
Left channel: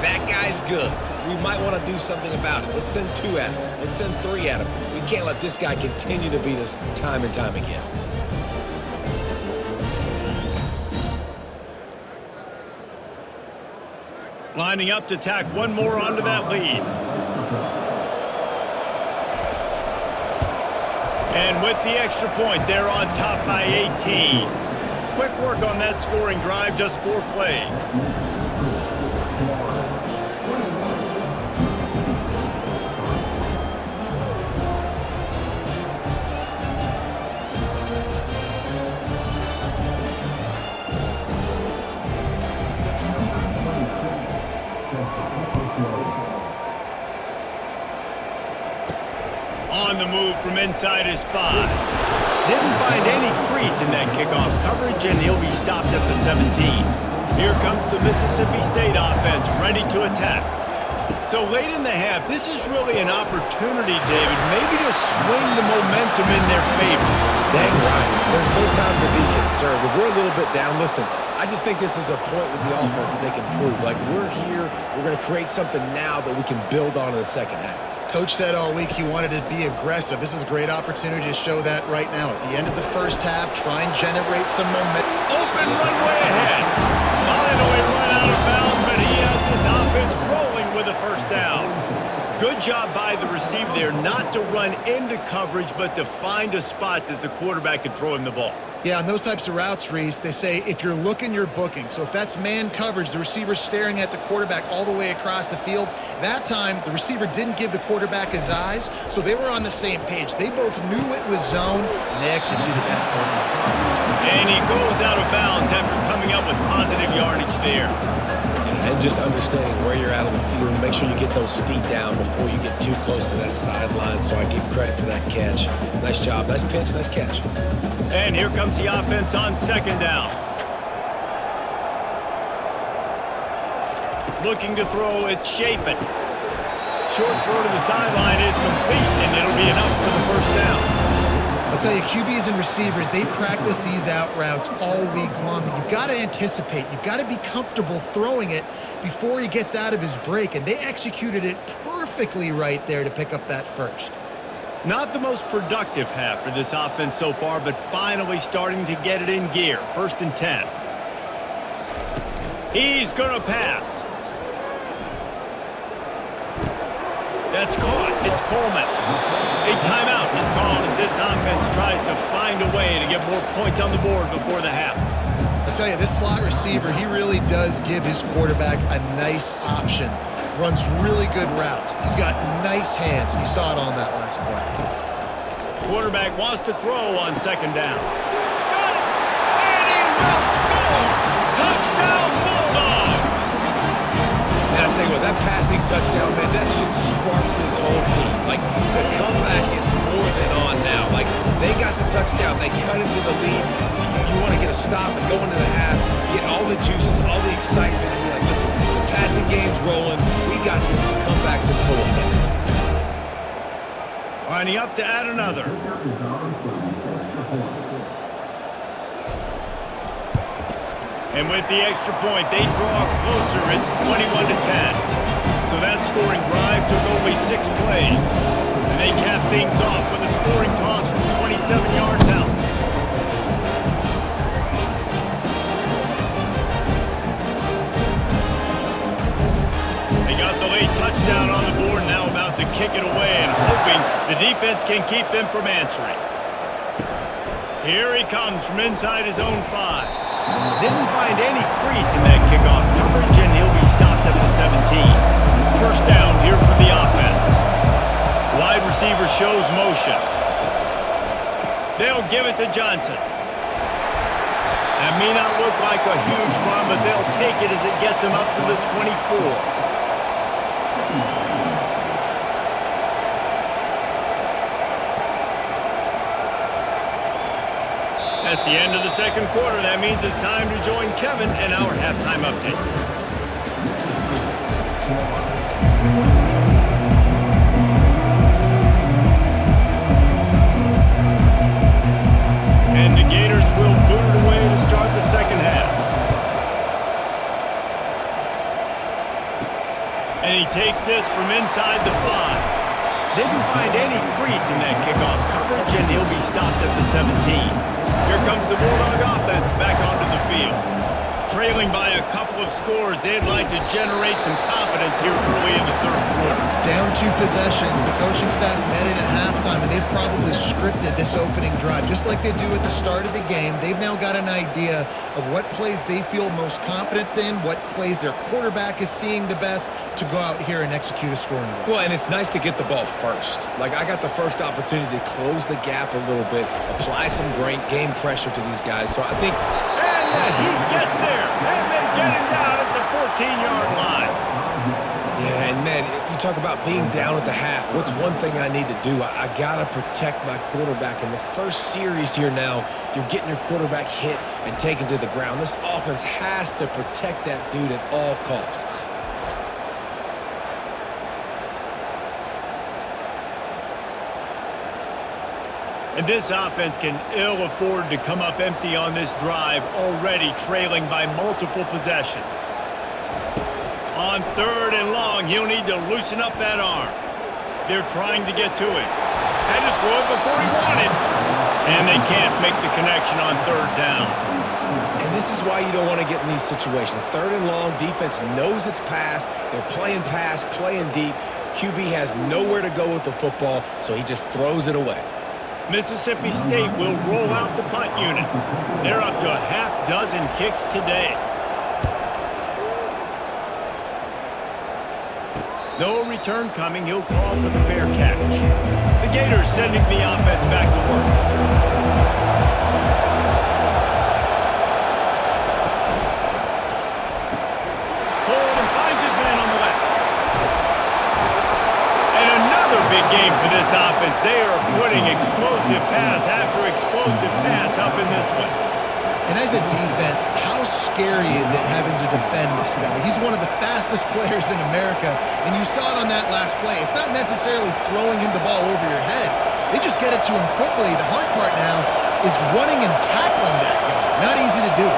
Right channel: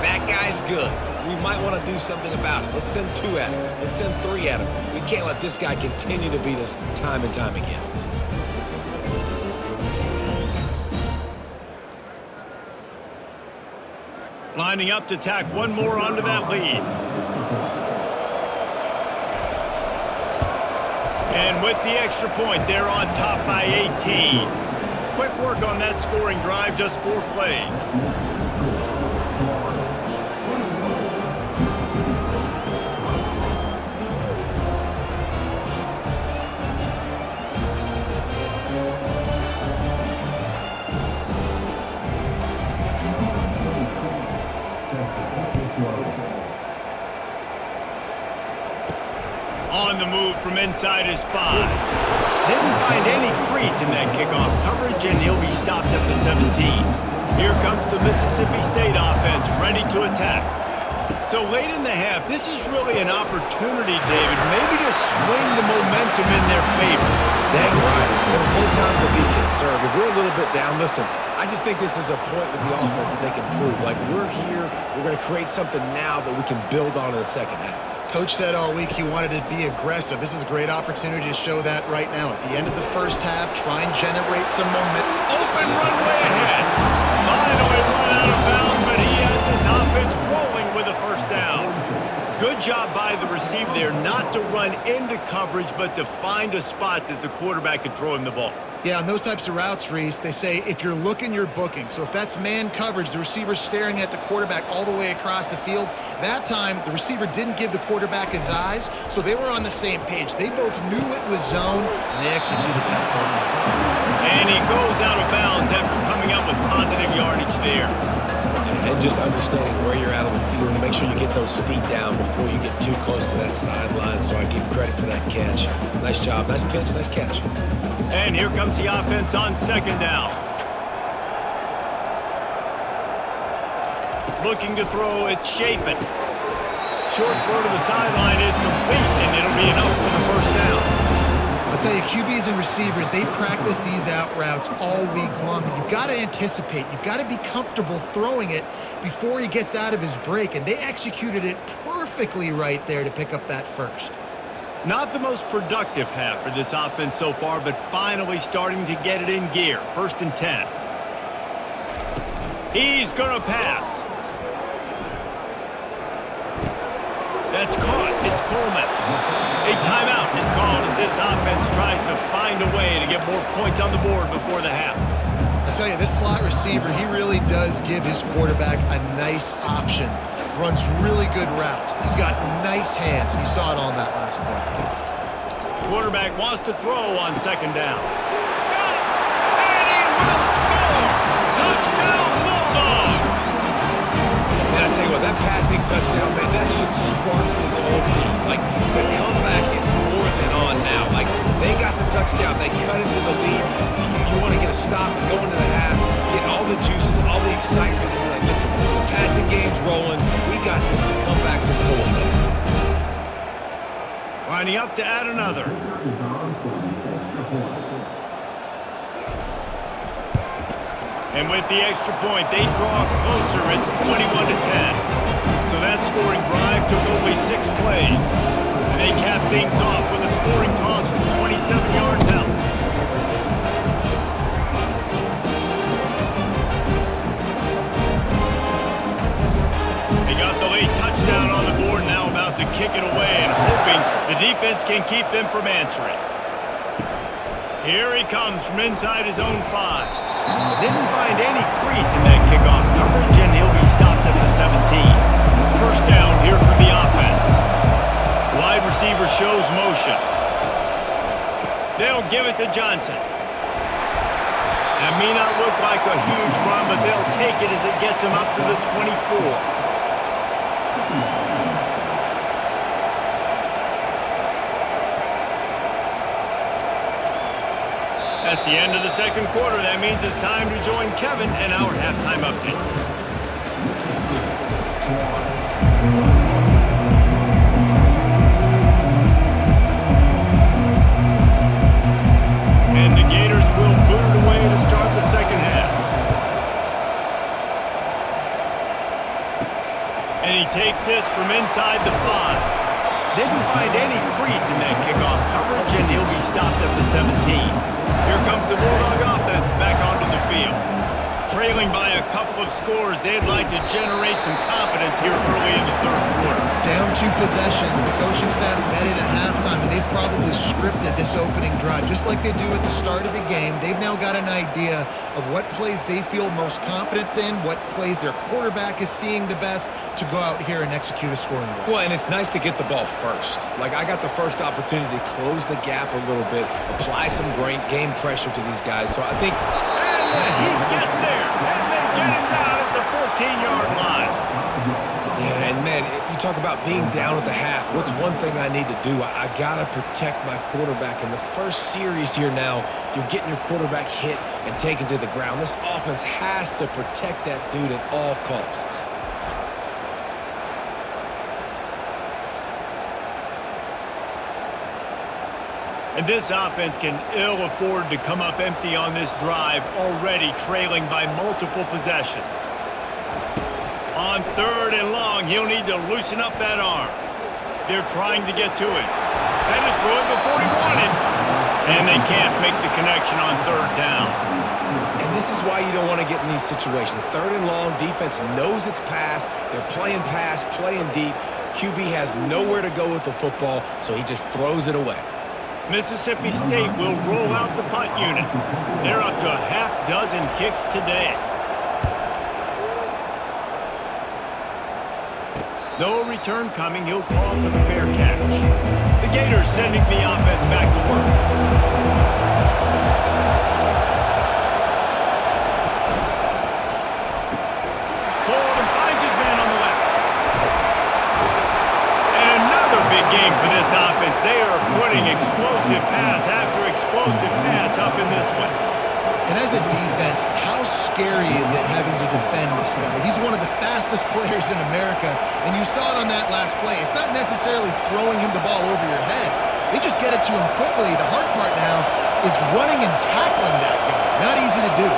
that guy's good. We might want to do something about it. Let's send 2 at him. Let's send 3 at him. We can't let this guy continue to beat us time and time again. Lining up to tack one more onto that lead. And with the extra point, they're on top by 18. Quick work on that scoring drive, just 4 plays. On the move from inside his 5. Didn't find any crease in that kickoff coverage, and he'll be stopped at the 17. Here comes the Mississippi State offense, ready to attack. So late in the half, this is really an opportunity, David, maybe to swing the momentum in their favor. Dang right. There's no time to be concerned. If we're a little bit down, listen, I just think this is a point with the offense that they can prove. Like, we're here, we're going to create something now that we can build on in the second half. Coach said all week he wanted to be aggressive. This is a great opportunity to show that right now. At the end of the first half, try and generate some momentum. Open runway ahead. Finally run out of bounds, but he has his offense rolling with a first down. Good job by the receiver there not to run into coverage, but to find a spot that the quarterback could throw him the ball. Yeah, on those types of routes, Reese, they say if you're looking, you're booking. So if that's man coverage, the receiver's staring at the quarterback all the way across the field. That time, the receiver didn't give the quarterback his eyes, so they were on the same page. They both knew it was zone, and they executed that perfectly. And he goes out of bounds after coming up with positive yardage there. And just understanding where you're at on the field, make sure you get those feet down before you get too close to that sideline, so I give credit for that catch. Nice job, nice pitch, nice catch. And here comes the offense on second down. Looking to throw, it's Chapin. Short throw to the sideline is complete, and it'll be enough for the first down. I'll tell you, QBs and receivers, they practice these out routes all week long. You've got to anticipate. You've got to be comfortable throwing it before he gets out of his break, and they executed it perfectly right there to pick up that first. Not the most productive half for this offense so far, but finally starting to get it in gear. 1st and 10. He's going to pass. That's caught. It's Coleman. A timeout is called as this offense tries to find a way to get more points on the board before the half. I'll tell you, this slot receiver, he really does give his quarterback a nice option. Runs really good routes. He's got nice hands. You saw it on that last play. Quarterback wants to throw on second down. Got it! And he will score! Touchdown, Bulldogs! Man, I tell you what, that passing touchdown, man, that should spark this whole team. Like, the comeback is more than on now. Like, they got the touchdown. They cut into the lead. You want to get a stop and go into the half, get all the juices, all the excitement, and you're like, listen, the passing game's rolling. We got this. The comeback's in full effect. Lining up to add another. Is on for the extra point. And with the extra point, they draw closer. It's 21-10. So that scoring drive took only 6 plays. And they cap things off with a scoring toss from 27 yards out. They got the late touchdown on the board, now about to kick it away and hoping the defense can keep them from answering. Here he comes from inside his own 5. Didn't find any crease in that kickoff coverage, and he'll be stopped at the 17. First down here for the offense. Wide receiver shows motion. They'll give it to Johnson. That may not look like a huge run, but they'll take it as it gets him up to the 24. That's the end of the second quarter. That means it's time to join Kevin and our halftime update. And the Gators will boot it away to start the second half. And he takes this from inside the 5. Didn't find any crease in that kickoff coverage, and he'll be stopped at the 17. Here comes the Bulldog offense back onto the field. Trailing by a couple of scores, they'd like to generate some confidence here early in the third quarter. Down 2 possessions, the coaching staff met in at halftime, and they've probably scripted this opening drive. Just like they do at the start of the game, they've now got an idea of what plays they feel most confident in, what plays their quarterback is seeing the best to go out here and execute a scoring drive. Well, and it's nice to get the ball first. Like, I got the first opportunity to close the gap a little bit, apply some great game pressure to these guys. So I think... And the Heat gets there, and they get him down at the 14-yard line. Yeah, and man, you talk about being down at the half. What's one thing I need to do? I got to protect my quarterback. In the first series here now, you're getting your quarterback hit and taken to the ground. This offense has to protect that dude at all costs. And this offense can ill afford to come up empty on this drive, already trailing by multiple possessions. On 3rd and long, he'll need to loosen up that arm. They're trying to get to it. Had to throw it before he wanted. And they can't make the connection on 3rd down. And this is why you don't want to get in these situations. 3rd and long, defense knows it's pass. They're playing pass, playing deep. QB has nowhere to go with the football, so he just throws it away. Mississippi State will roll out the punt unit. They're up to a half dozen kicks today. No return coming. He'll call for the fair catch. The Gators sending the offense back to work. Pulled and finds his man on the left. And another big game for this offense. They are putting explosive pass after explosive pass up in this one. And as a defense, how scary is it having to defend this guy? He's one of the fastest players in America, and you saw it on that last play. It's not necessarily throwing him the ball over your head. They just get it to him quickly. The hard part now is running and tackling that guy. Not easy to do.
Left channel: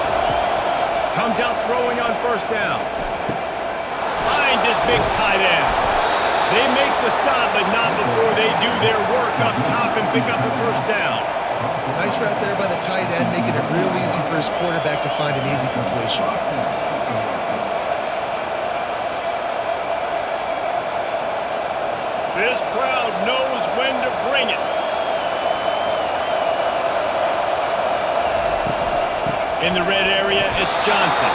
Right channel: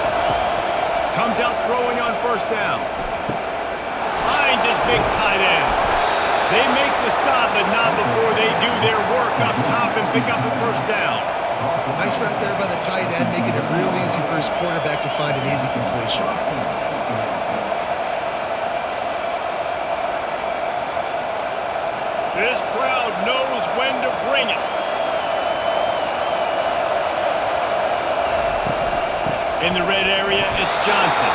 Comes out throwing on first down. Finds his big tight end. They make the stop, but not before they do their work up top and pick up a first down. Nice route there by the tight end, making it real easy for his quarterback to find an easy completion. This crowd knows when to bring it. In the red area, it's Johnson.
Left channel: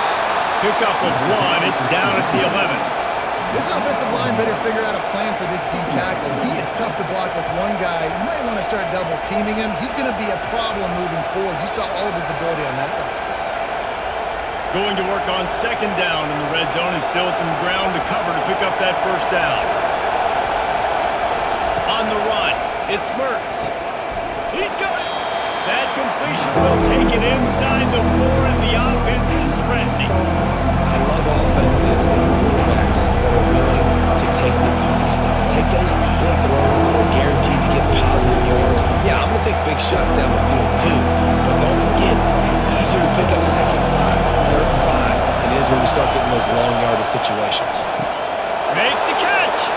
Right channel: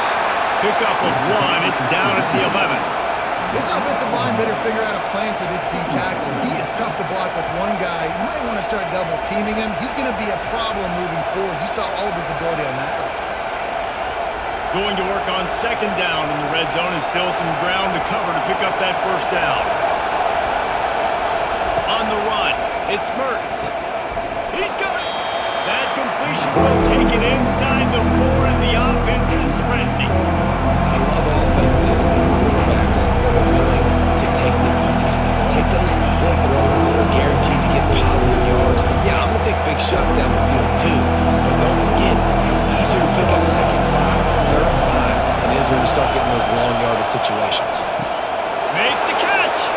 Pickup of 1, it's down at the 11. This offensive line better figure out a plan for this D tackle. He is tough to block with one guy. You might want to start double teaming him. He's going to be a problem moving forward. You saw all of his ability on that last play. Going to work on second down in the red zone is still some ground to cover to pick up that first down. On the run, it's Mertz. He's got it. That completion will take it inside the 4, and the offense is threatening. I love offenses and quarterbacks that are willing to take the easy stuff. Take those easy throws that are guaranteed to get positive yards. Yeah, I'm going to take big shots down the field too, but don't forget, it's easier to pick up second 5, third and 5 than it is when we start getting those long yardage situations. Makes the catch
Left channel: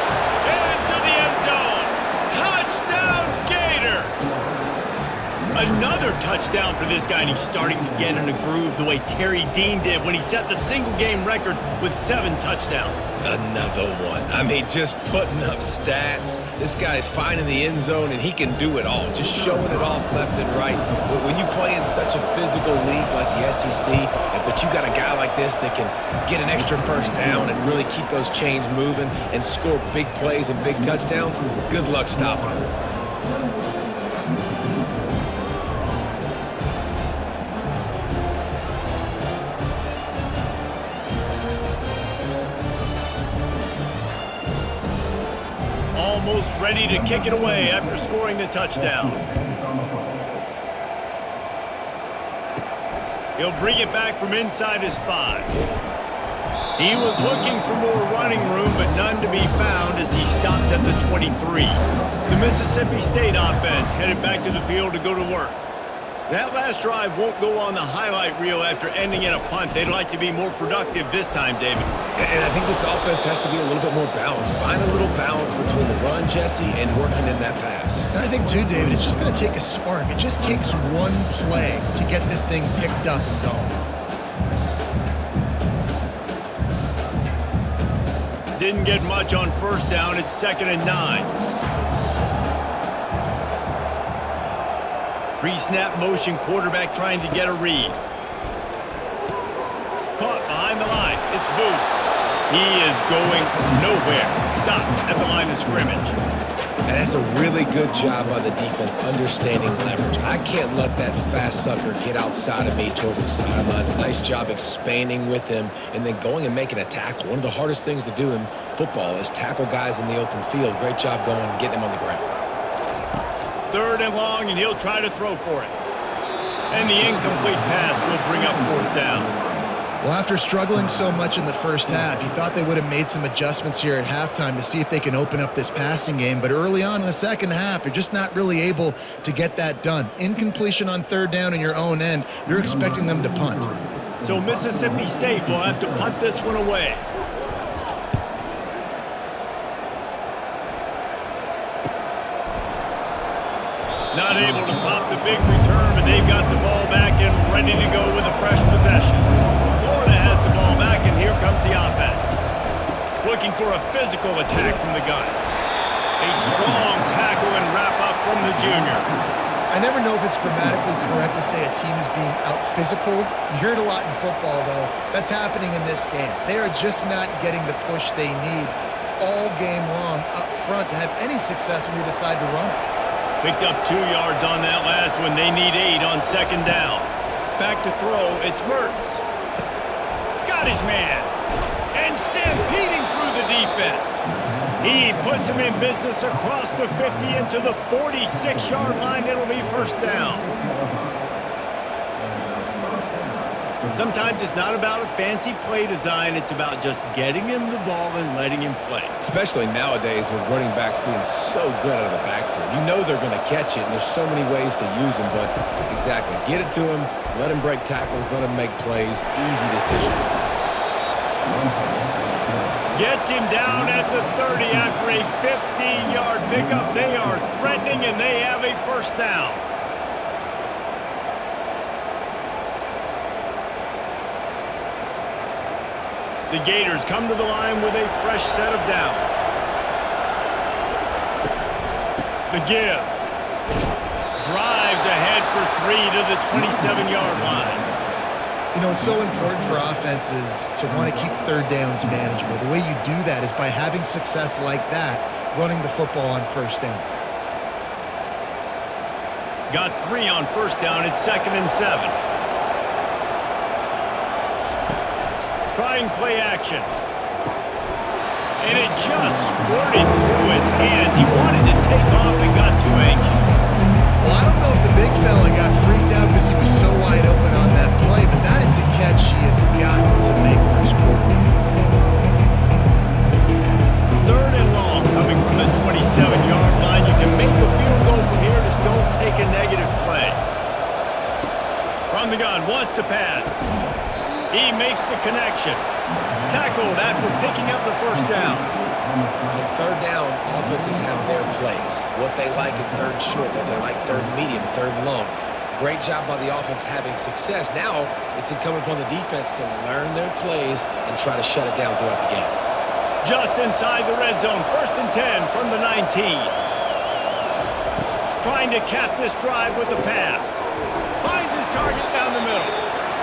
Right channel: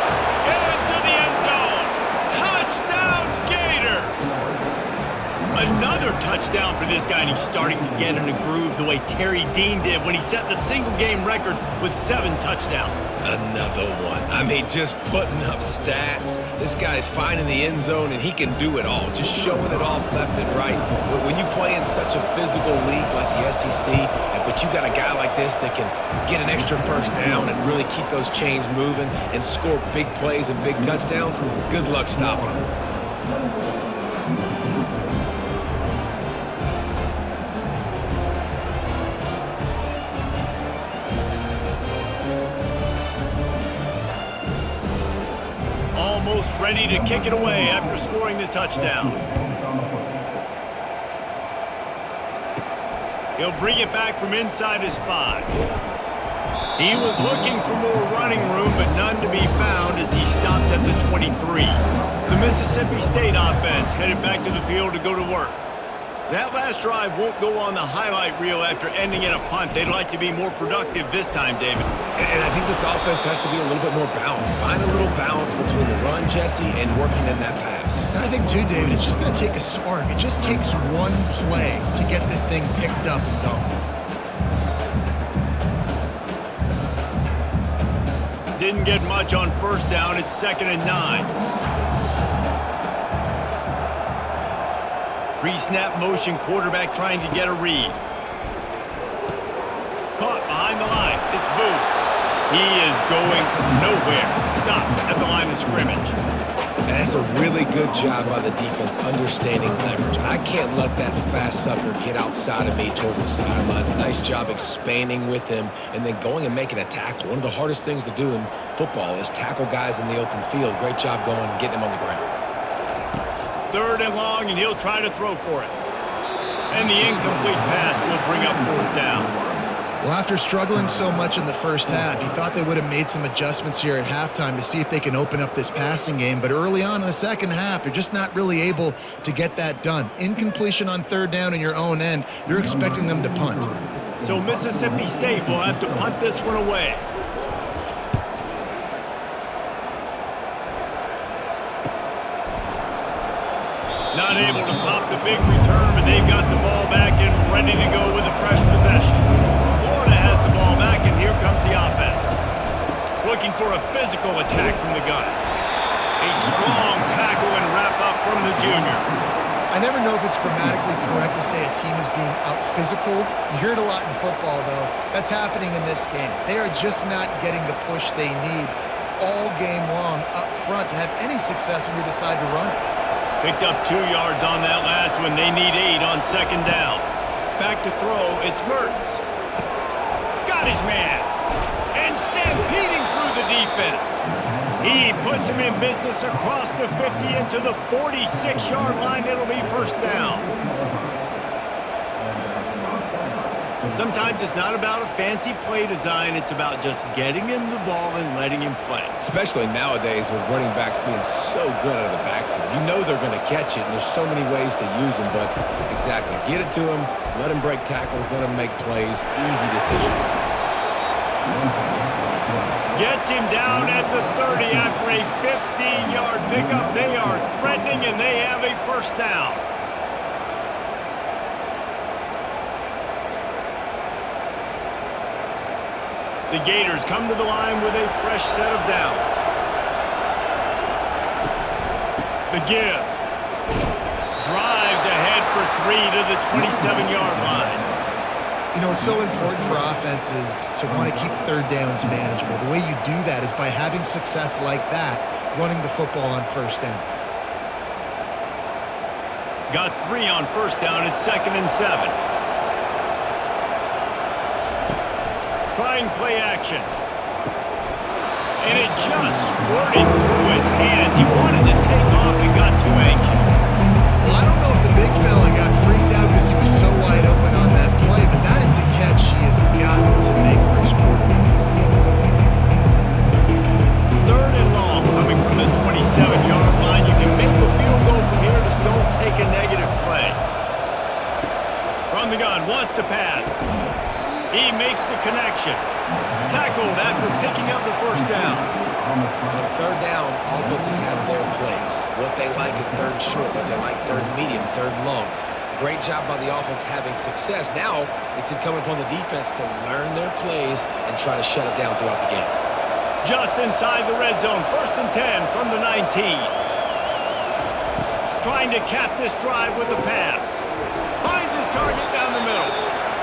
into the end zone. Touchdown, Gators! Another touchdown for this guy, and he's starting to get in a groove the way Terry Dean did when he set the single-game record with 7 touchdowns. Another one. I mean, just putting up stats. This guy's finding the end zone, and he can do it all. Just showing it off left and right. When you play in such a physical league like the SEC, but you got a guy like this that can get an extra first down and really keep those chains moving and score big plays and big touchdowns, good luck stopping him. Almost ready to kick it away after scoring the touchdown. He'll bring it back from inside his 5. He was looking for more running room, but none to be found as he stopped at the 23. The Mississippi State offense headed back to the field to go to work. That last drive won't go on the highlight reel after ending in a punt. They'd like to be more productive this time, David. And I think this offense has to be a little bit more balanced. Find a little balance between the run, Jesse, and working in that pass. And I think, too, David, it's just going to take a spark. It just takes one play to get this thing picked up and going. Didn't get much on first down. It's 2nd and 9. Pre-snap motion, quarterback trying to get a read. Caught behind the line. It's Booth. He is going nowhere. Stop at the line of scrimmage. And that's a really good job by the defense understanding leverage. I can't let that fast sucker get outside of me towards the sidelines. Nice job expanding with him and then going and making a tackle. One of the hardest things to do in football is tackle guys in the open field. Great job going and getting him on the ground. 3rd and long, and he'll try to throw for it. And the incomplete pass will bring up 4th down. Well, after struggling so much in the first half, you thought they would have made some adjustments here at halftime to see if they can open up this passing game. But early on in the second half, they're just not really able to get that done. Incompletion on 3rd down in your own end, you're expecting them to punt. So Mississippi State will have to punt this one away. Not able to pop the big return, but they've got the ball back and ready to go with a fresh possession. Florida has the ball back, and here comes the offense. Looking for a physical attack from the gun. A strong tackle and wrap up from the junior. I never know if it's grammatically correct to say a team is being out-physicaled. You hear it a lot in football, though. That's happening in this game. They are just not getting the push they need all game long up front to have any success when they decide to run it. Picked up 2 yards on that last one. They need 8 on second down. Back to throw, it's Mertz. Got his man. And stampeding through the defense. He puts him in business across the 50 into the 46-yard line. It'll be first down. Sometimes it's not about a fancy play design. It's about just getting him the ball and letting him play. Especially nowadays with running backs being so good out of the backfield. You know they're going to catch it, and there's so many ways to use them. But exactly, get it to him, let him break tackles, let him make plays. Easy decision. Gets him down at the 30 after a 15-yard pickup. They are threatening, and they have a first down. The Gators come to the line with a fresh set of downs. The give. Drives ahead for 3 to the 27-yard line. You know, it's so important for offenses to want to keep third downs manageable. The way you do that is by having success like that, running the football on first down. Got 3 on first down. It's 2nd and 7. Trying play action. And it just squirted through his hands. He wanted to take off and got too anxious. Well, I don't know if the big fella got freaked out because he was so wide open on that play, but that is a catch he has got to make for his quarterback. 3rd and long coming from the 27-yard line. You can make a field goal from here. Just don't take a negative play. From the gun, wants to pass. He makes the connection. Tackled after picking up the first down. On third down, offenses have their plays. What they like in third short, what they like third medium, third long. Great job by the offense having success. Now it's incumbent upon the defense to learn their plays and try to shut it down throughout the game. Just inside the red zone. 1st and 10 from the 19. Trying to cap this drive with a pass. Finds his target down the middle.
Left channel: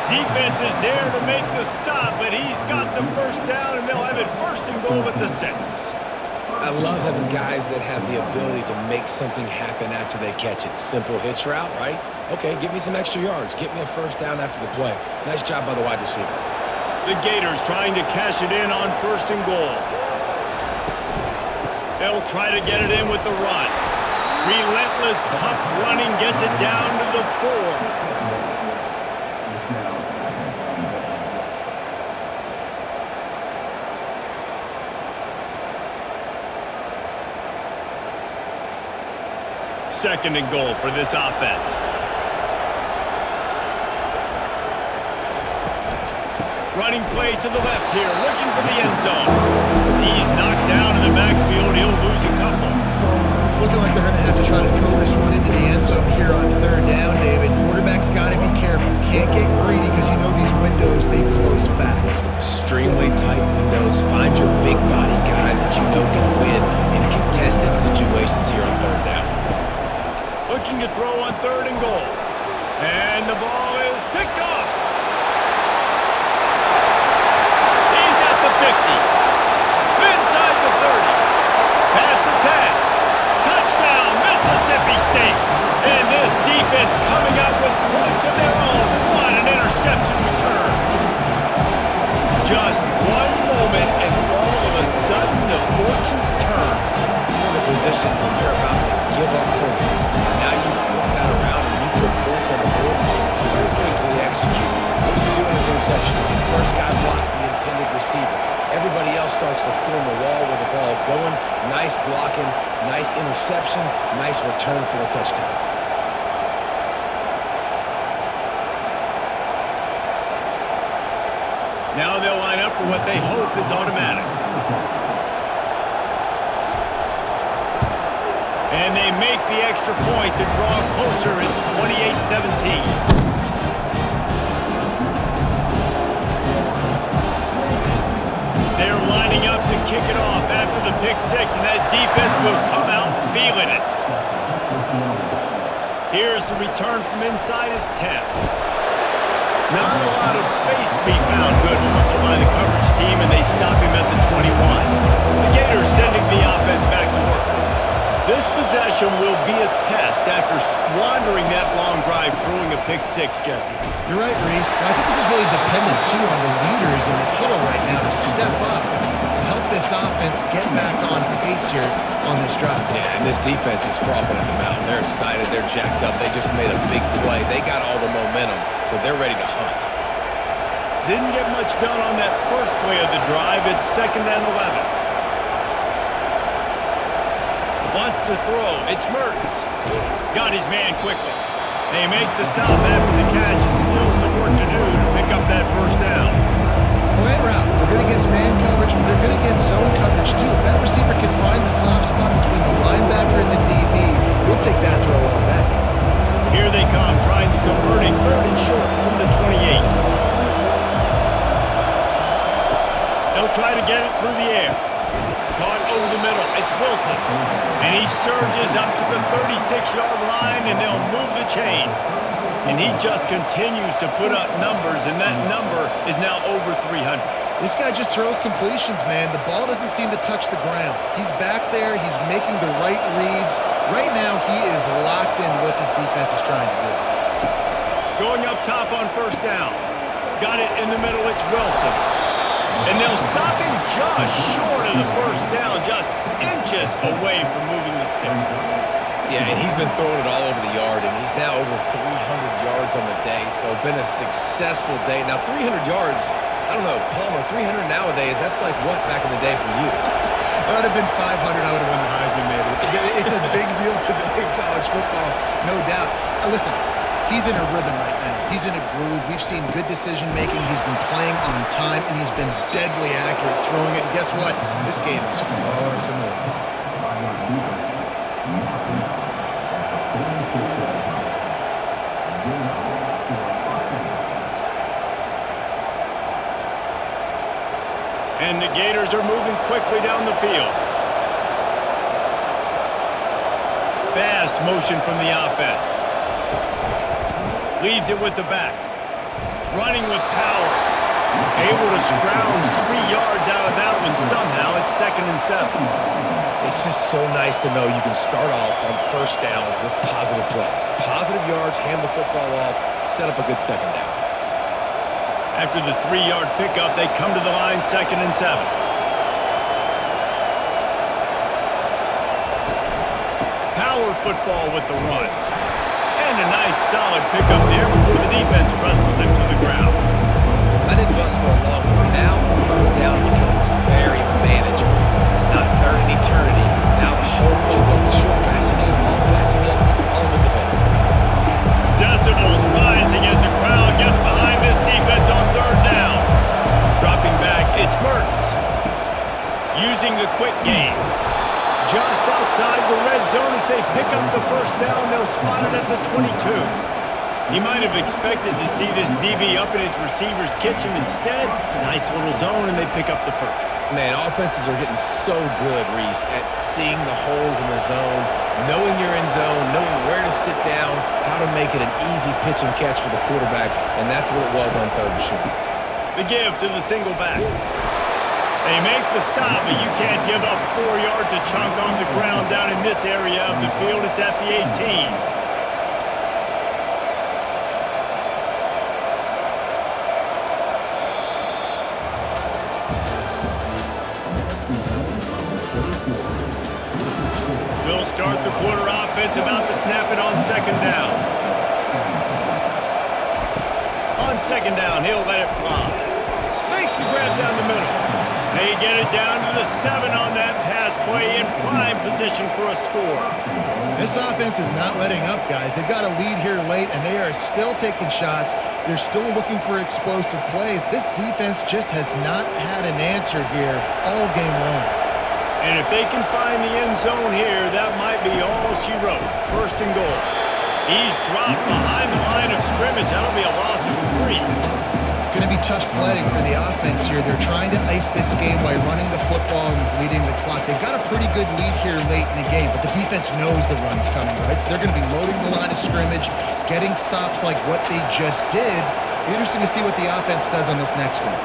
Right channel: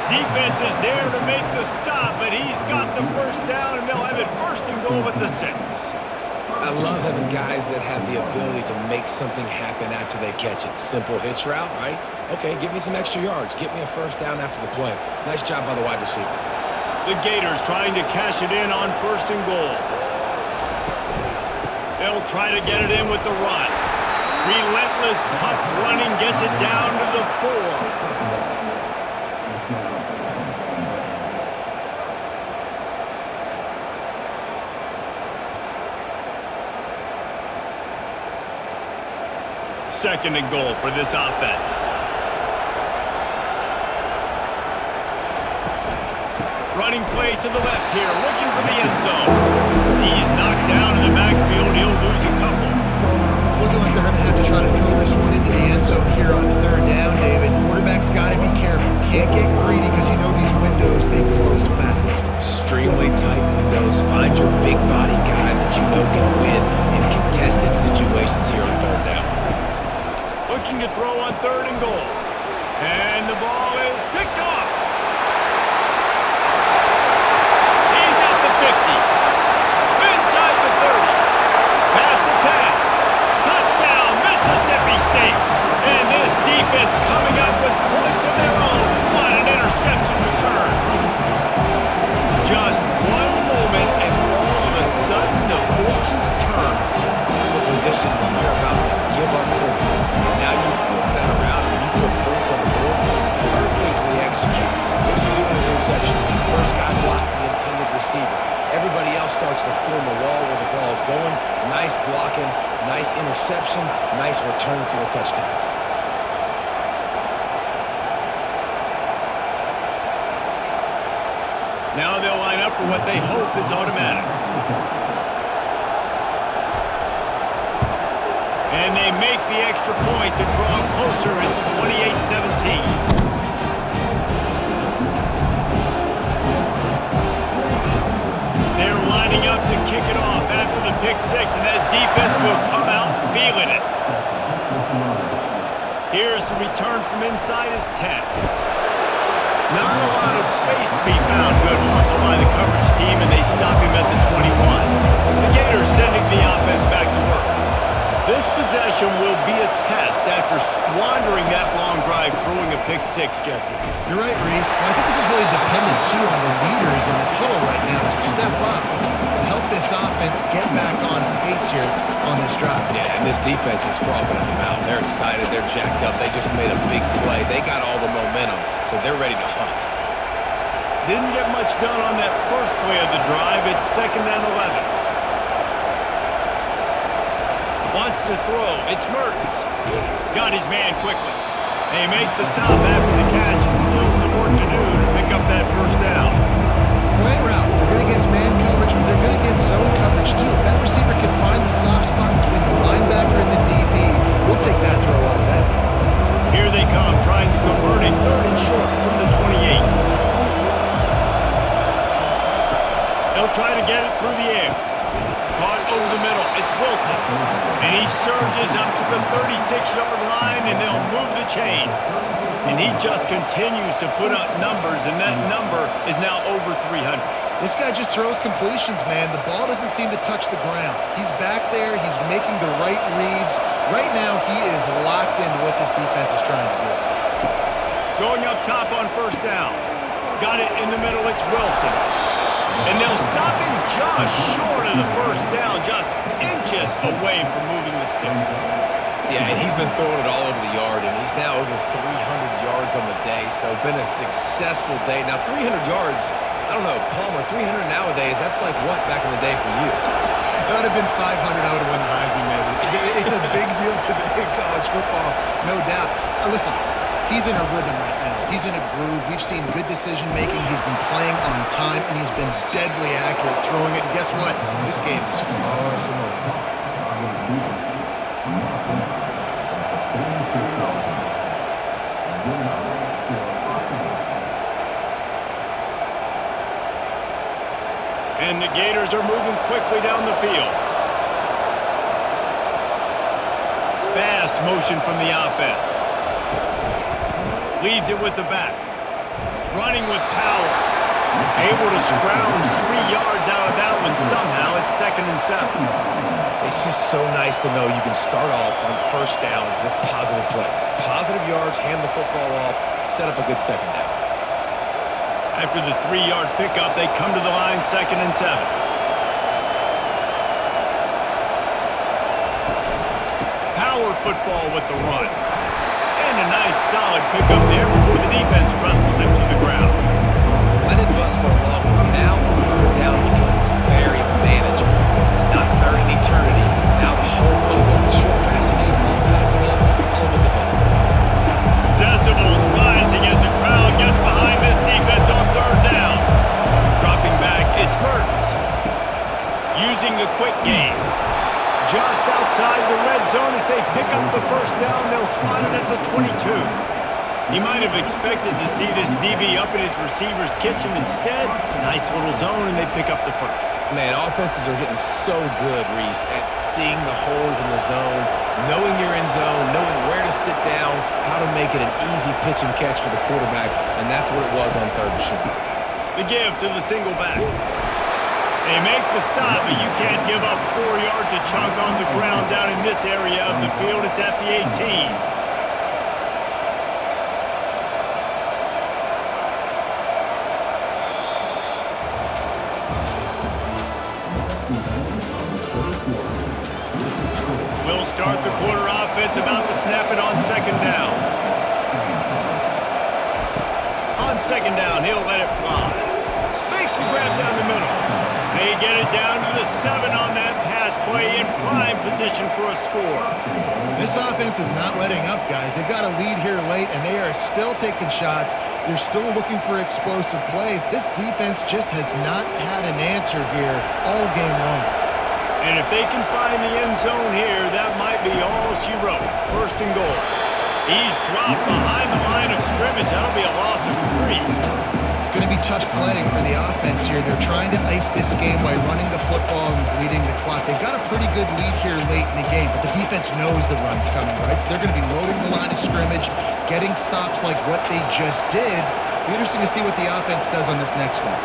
Defense is there to make the stop, but he's got the first down, and they'll have it 1st and goal at the 6. I love having guys that have the ability to make something happen after they catch it. Simple hitch route, right? Okay, give me some extra yards. Get me a first down after the play. Nice job by the wide receiver. The Gators trying to cash it in on 1st and goal. They'll try to get it in with the run. Relentless, tough running gets it down to the 4. Second and goal for this offense. Running play to the left here, looking for the end zone. He's knocked down in the backfield. He'll lose a couple. It's looking like they're going to have to try to throw this one into the end zone here on 3rd down, David. Quarterback's got to be careful. Can't get greedy because you know these windows, they close fast. Extremely tight windows. Find your big body guys that you know can win in contested situations here on 3rd down. Looking to throw on 3rd and goal. And the ball is picked off. He's at the 50. Inside the 30. Past the 10. Touchdown, Mississippi State. And this defense coming up with points of their own. What an interception return. Just one moment, and all of a sudden, the fortunes turn. You're in a position where you're about to give up points. And now you flip that around and you put points on the board. Perfectly executed. What do you do in an interception? First guy blocks the intended receiver. Everybody else starts to form a wall where the ball is going. Nice blocking, nice interception, nice return for the touchdown. Now they'll line up for what they hope is automatic. And they make the extra point to draw closer. It's 28-17. They're lining up to kick it off after the pick 6, and that defense will come out feeling it. Here's the return from inside his 10. Not a lot of space to be found. Good hustle by the coverage team, and they stop him at the 21. The Gators sending the offense back to work. This possession will be a test after squandering that long drive, throwing a pick six, Jesse. You're right, Reese. Well, I think this is really dependent, too, on the leaders in this huddle right now to step up and help this offense get back on pace here on this drive. Yeah, and this defense is frothing at the mouth. They're excited. They're jacked up. They just made a big play. They got all the momentum, so they're ready to hunt. Didn't get much done on that first play of the drive. It's 2nd and 11. Wants to throw. It's Mertens. Got his man quickly. They make the stop after the catch, and still some work to do to pick up that first down. Slant routes, they're good against man coverage, but they're good against zone coverage too. If that receiver can find the soft spot between the linebacker and the DB, you'll take that throw all day. Here they come, trying to convert a 3rd and short from the 28. They'll try to get it through the air. Caught over the middle. It's Wilson. And he surges up to the 36-yard line, and they'll move the chain. And he just continues to put up numbers, and that number is now over 300. This guy just throws completions, man. The ball doesn't seem to touch the ground. He's back there. He's making the right reads. Right now, he is locked into what this defense is trying to do. Going up top on 1st down. Got it in the middle. It's Wilson. And they'll stop him just short of the 1st down, just inches away from moving the sticks. Yeah, and he's been throwing it all over the yard, and he's now over 300 yards on the day, so been a successful day. Now, 300 yards, I don't know, Palmer, 300 nowadays, that's like what back in the day for you? That would have been 500. I would have won the Heisman, maybe. It's a big deal today in college football, no doubt. Listen, he's in a rhythm right now. He's in a groove. We've seen good decision-making. He's been playing on time, and he's been deadly accurate throwing it. And guess what? This game is far from over. And the Gators are moving quickly down the field. Fast motion from the offense. Leaves it with the back. Running with power. Able to scrounge 3 yards out of that one somehow. It's 2nd and 7. It's just so nice to know you can start off on 1st down with positive plays. Positive yards, hand the football off, set up a good 2nd down. After the 3-yard pickup, they come to the line, 2nd and 7. Power football with the run. And a nice solid pickup there before the defense wrestles him to the ground. I didn't bust for a long one. Now 3rd down becomes very manageable. It's not 3rd and eternity. Now the whole playbook, short passing game, long passing game, all of it's available. Decibels rising as the crowd gets behind this defense on 3rd down. Dropping back, it's Mertens. Using the quick game. Just outside the red zone as they pick up the 1st down. They'll spot it at the 22. He might have expected to see this DB up in his receiver's kitchen. Instead, nice little zone, and they pick up the 1st. Man, offenses are getting so good, Reese, at seeing the holes in the zone, knowing you're in zone, knowing where to sit down, how to make it an easy pitch and catch for the quarterback, and that's what it was on 3rd and short. The give to the single back. They make the stop, but you can't give up 4 yards a chunk on the ground down in this area of the field. It's at the 18. We'll start the quarter offense, about to snap it on 2nd down. On 2nd down, he'll let it fly. Makes the grab down the middle. They get it down to the 7 on that pass play, in prime position for a score. This offense is not letting up, guys. They've got a lead here late, and they are still taking shots. They're still looking for explosive plays. This defense just has not had an answer here all game long. And if they can find the end zone here, that might be all she wrote. 1st and goal. He's dropped behind the line of scrimmage. That'll be a loss of 3. It's going to be tough sledding for the offense here. They're trying to ice this game by running the football and bleeding the clock. They've got a pretty good lead here late in the game, but the defense knows the run's coming, right? So they're going to be loading the line of scrimmage, getting stops like what they just did. Be interesting to see what the offense does on this next one.